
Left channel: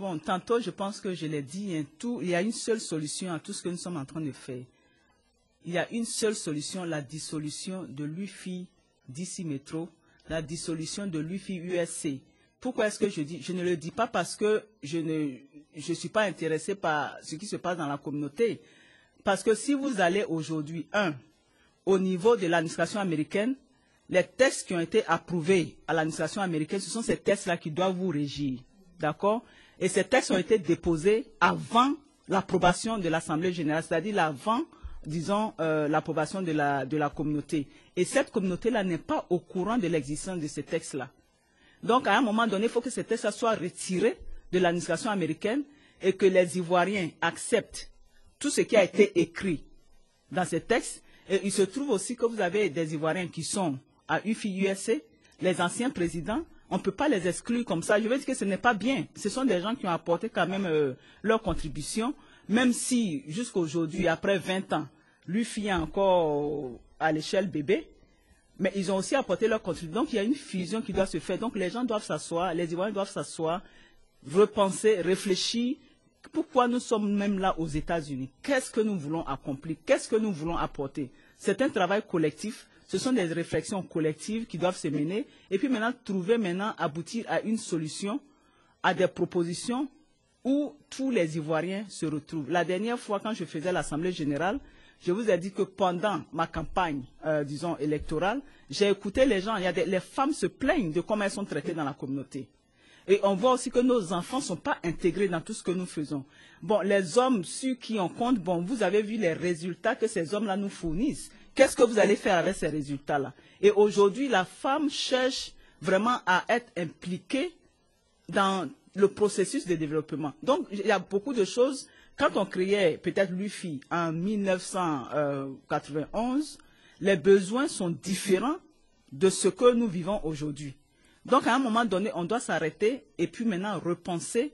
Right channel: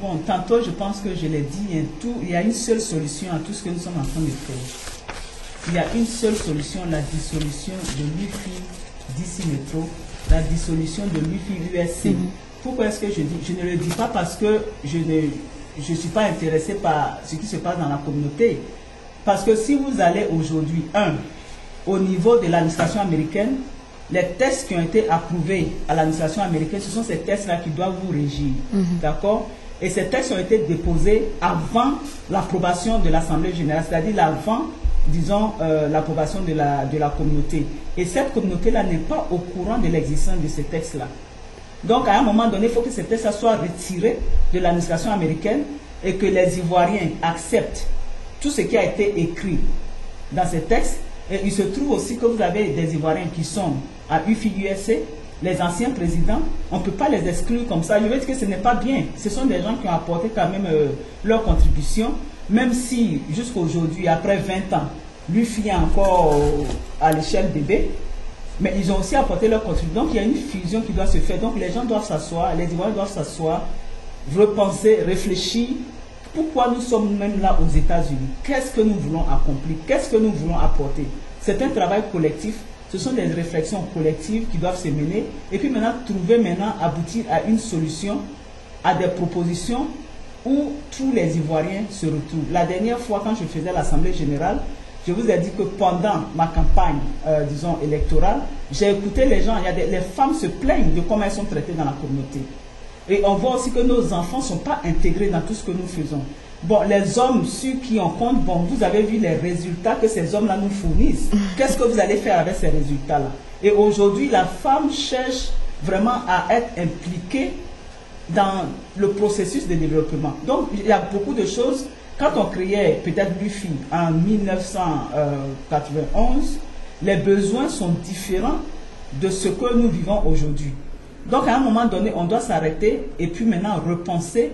Bon, tantôt, je pense que je l'ai dit, il y a une seule solution à tout ce que nous sommes en train de faire. Il y a une seule solution, la dissolution de l'UFI d'ici métro, la dissolution de l'UFI USC. Pourquoi est-ce que je dis? Je ne le dis pas parce que je ne suis pas intéressé par ce qui se passe dans la communauté. Parce que si vous allez aujourd'hui, au niveau de l'administration américaine, les textes qui ont été approuvés à l'administration américaine, ce sont ces textes-là qui doivent vous régir. D'accord? Et ces textes ont été déposés avant l'approbation de l'Assemblée générale, c'est-à-dire avant, disons, l'approbation de la communauté. Et cette communauté-là n'est pas au courant de l'existence de ces textes-là. Donc, à un moment donné, il faut que ces textes soient retirés de l'administration américaine et que les Ivoiriens acceptent tout ce qui a été écrit dans ces textes. Et il se trouve aussi que vous avez des Ivoiriens qui sont à UFI-USC, les anciens présidents, on ne peut pas les exclure comme ça. Je veux dire que ce n'est pas bien. Ce sont des gens qui ont apporté quand même leur contribution, même si jusqu'à aujourd'hui, après 20 ans, l'UFI est encore à l'échelle bébé, mais ils ont aussi apporté leur contribution. Donc il y a une fusion qui doit se faire. Donc les gens doivent s'asseoir, les Ivoiriens doivent s'asseoir, repenser, réfléchir. Pourquoi nous sommes même là aux États-Unis? Qu'est-ce que nous voulons accomplir? Qu'est-ce que nous voulons apporter? C'est un travail collectif. Ce sont des réflexions collectives qui doivent se mener. Et puis maintenant, aboutir à une solution, à des propositions où tous les Ivoiriens se retrouvent. La dernière fois, quand je faisais l'Assemblée générale, je vous ai dit que pendant ma campagne, disons, électorale, j'ai écouté les gens. Les femmes se plaignent de comment elles sont traitées dans la communauté. Et on voit aussi que nos enfants ne sont pas intégrés dans tout ce que nous faisons. Bon, les hommes, ceux qui en comptent, bon, vous avez vu les résultats que ces hommes-là nous fournissent. Qu'est-ce que vous allez faire avec ces résultats-là? Et aujourd'hui, la femme cherche vraiment à être impliquée dans le processus de développement. Donc, il y a beaucoup de choses. Quand on créait peut-être l'UFI en 1991, les besoins sont différents de ce que nous vivons aujourd'hui. Donc, à un moment donné, on doit s'arrêter et puis maintenant repenser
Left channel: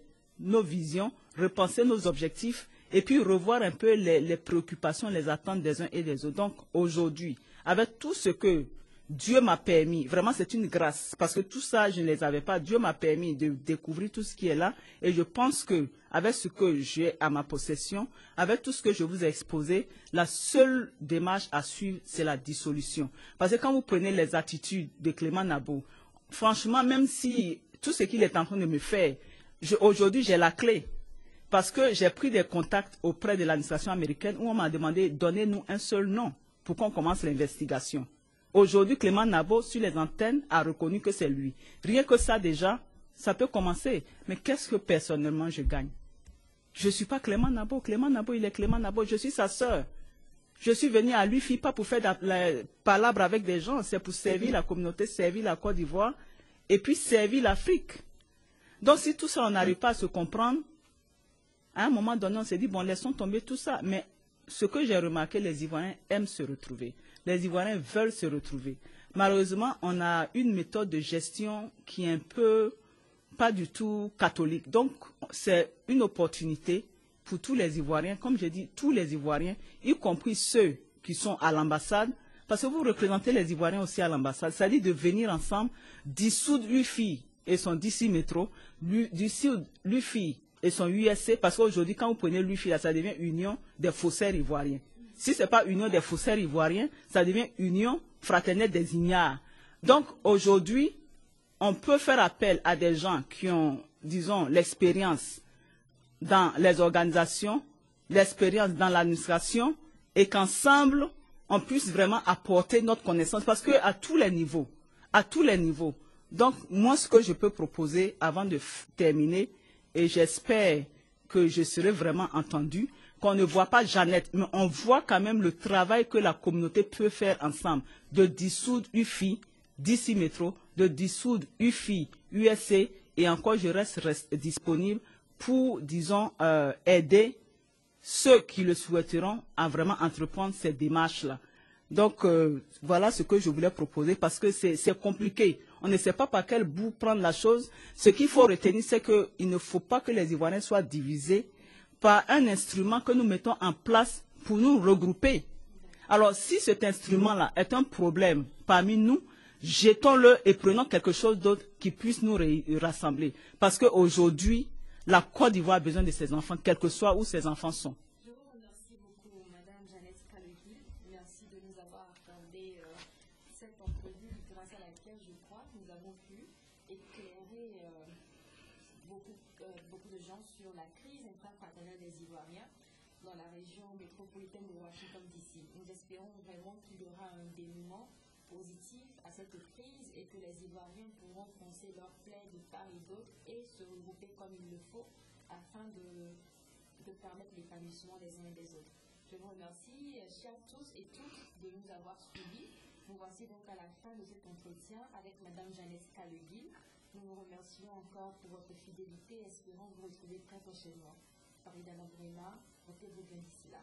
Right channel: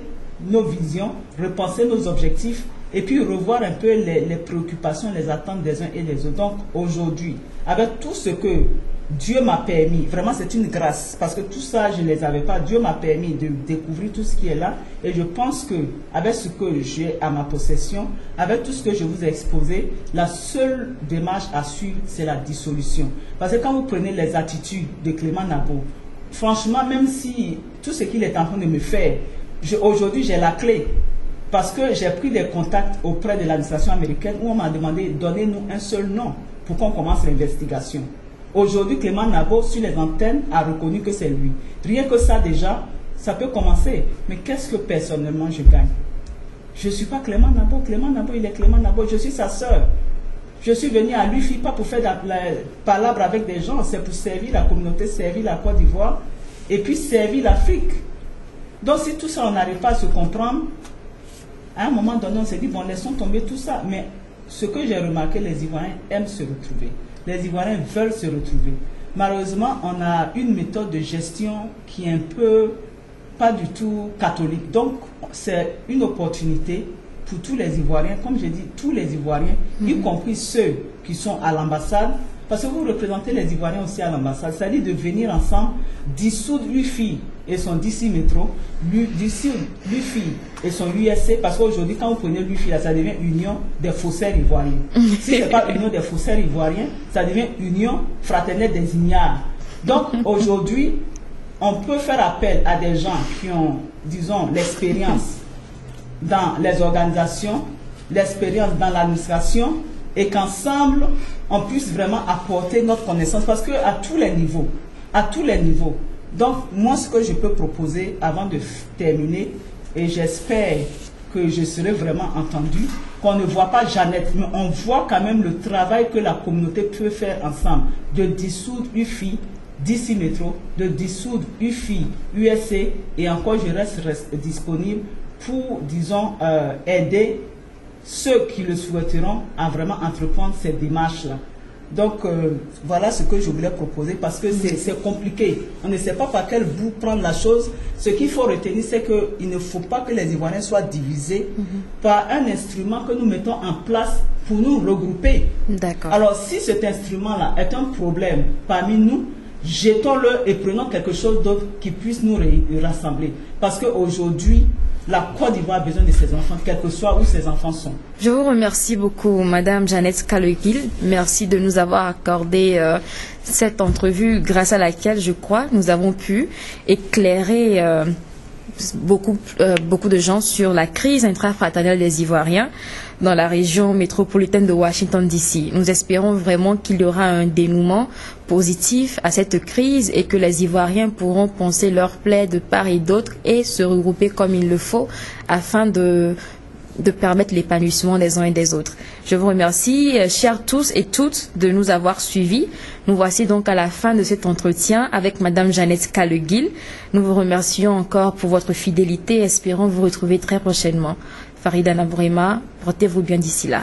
nos visions, repenser nos objectifs et puis revoir un peu les préoccupations, les attentes des uns et des autres. Donc, aujourd'hui, avec tout ce que Dieu m'a permis, vraiment c'est une grâce, parce que tout ça, je ne les avais pas. Dieu m'a permis de découvrir tout ce qui est là. Et je pense qu'avec ce que j'ai à ma possession, avec tout ce que je vous ai exposé, la seule démarche à suivre, c'est la dissolution. Parce que quand vous prenez les attitudes de Clément Nabo, franchement, même si tout ce qu'il est en train de me faire, aujourd'hui j'ai la clé. Parce que j'ai pris des contacts auprès de l'administration américaine où on m'a demandé, donnez-nous un seul nom pour qu'on commence l'investigation. Aujourd'hui, Clément Nabo, sur les antennes, a reconnu que c'est lui. Rien que ça, déjà, ça peut commencer. Mais qu'est-ce que personnellement je gagne? Je ne suis pas Clément Nabo. Clément Nabo, il est Clément Nabo. Je suis sa sœur. Je suis venu à l'UFI, pas pour faire la palabre avec des gens, c'est pour servir la communauté, servir la Côte d'Ivoire, et puis servir l'Afrique. Donc, si tout ça, on n'arrive pas à se comprendre, à un moment donné, on s'est dit, bon, laissons tomber tout ça. Mais ce que j'ai remarqué, les Ivoiriens aiment se retrouver. Les Ivoiriens veulent se retrouver. Malheureusement, on a une méthode de gestion qui est un peu, pas du tout catholique. Donc, c'est une opportunité pour tous les Ivoiriens, comme j'ai dit, tous les Ivoiriens, y compris ceux qui sont à l'ambassade, parce que vous représentez les Ivoiriens aussi à l'ambassade, c'est-à-dire de venir ensemble, dissoudre l'UFI et son DC Métro, dissoudre l'UFI et son USC, parce qu'aujourd'hui, quand vous prenez l'UFI, ça devient Union des faussaires ivoiriens. Si ce n'est pas Union des faussaires ivoiriens, ça devient Union fraternelle des ignares. Donc, aujourd'hui, on peut faire appel à des gens qui ont, disons, l'expérience dans les organisations, l'expérience dans l'administration, et qu'ensemble, on puisse vraiment apporter notre connaissance, parce qu'à tous les niveaux, donc moi, ce que je peux proposer avant de terminer, et j'espère que je serai vraiment entendue, qu'on ne voit pas Jeannette, mais on voit quand même le travail que la communauté peut faire ensemble, de dissoudre UFI, d'ici métro, de dissoudre UFI, USC, et encore je reste disponible pour, disons, aider ceux qui le souhaiteront à vraiment entreprendre ces démarches-là. Donc, voilà ce que je voulais proposer parce que c'est compliqué. On ne sait pas par quel bout prendre la chose. Ce qu'il faut retenir, c'est qu'il ne faut pas que les Ivoiriens soient divisés par un instrument que nous mettons en place pour nous regrouper. Alors, si cet instrument-là est un problème parmi nous, jetons-le et prenons quelque chose d'autre qui puisse nous rassembler. Parce qu'aujourd'hui, la Côte d'Ivoire a besoin de ses enfants, quel que soit où ses enfants sont. Je vous remercie beaucoup, Madame Jeannette Kaloguil. Merci de nous avoir accordé cette entrevue grâce à laquelle, je crois, nous avons pu éclairer beaucoup de gens sur la crise intrafraternelle des Ivoiriens dans la région métropolitaine de Washington DC. Nous espérons vraiment qu'il y aura un dénouement positif à cette crise et que les Ivoiriens pourront poncer leurs plaies de part et d'autre et se regrouper comme il le faut afin de permettre l'épanouissement des uns et des autres. Je vous remercie, chers tous et toutes, de nous avoir suivis. Nous voici donc à la fin de cet entretien avec Madame Jeannette Kaloguil. Nous vous remercions encore pour votre fidélité et espérons vous retrouver très prochainement. Farida Nabourema, portez-vous bien d'ici là.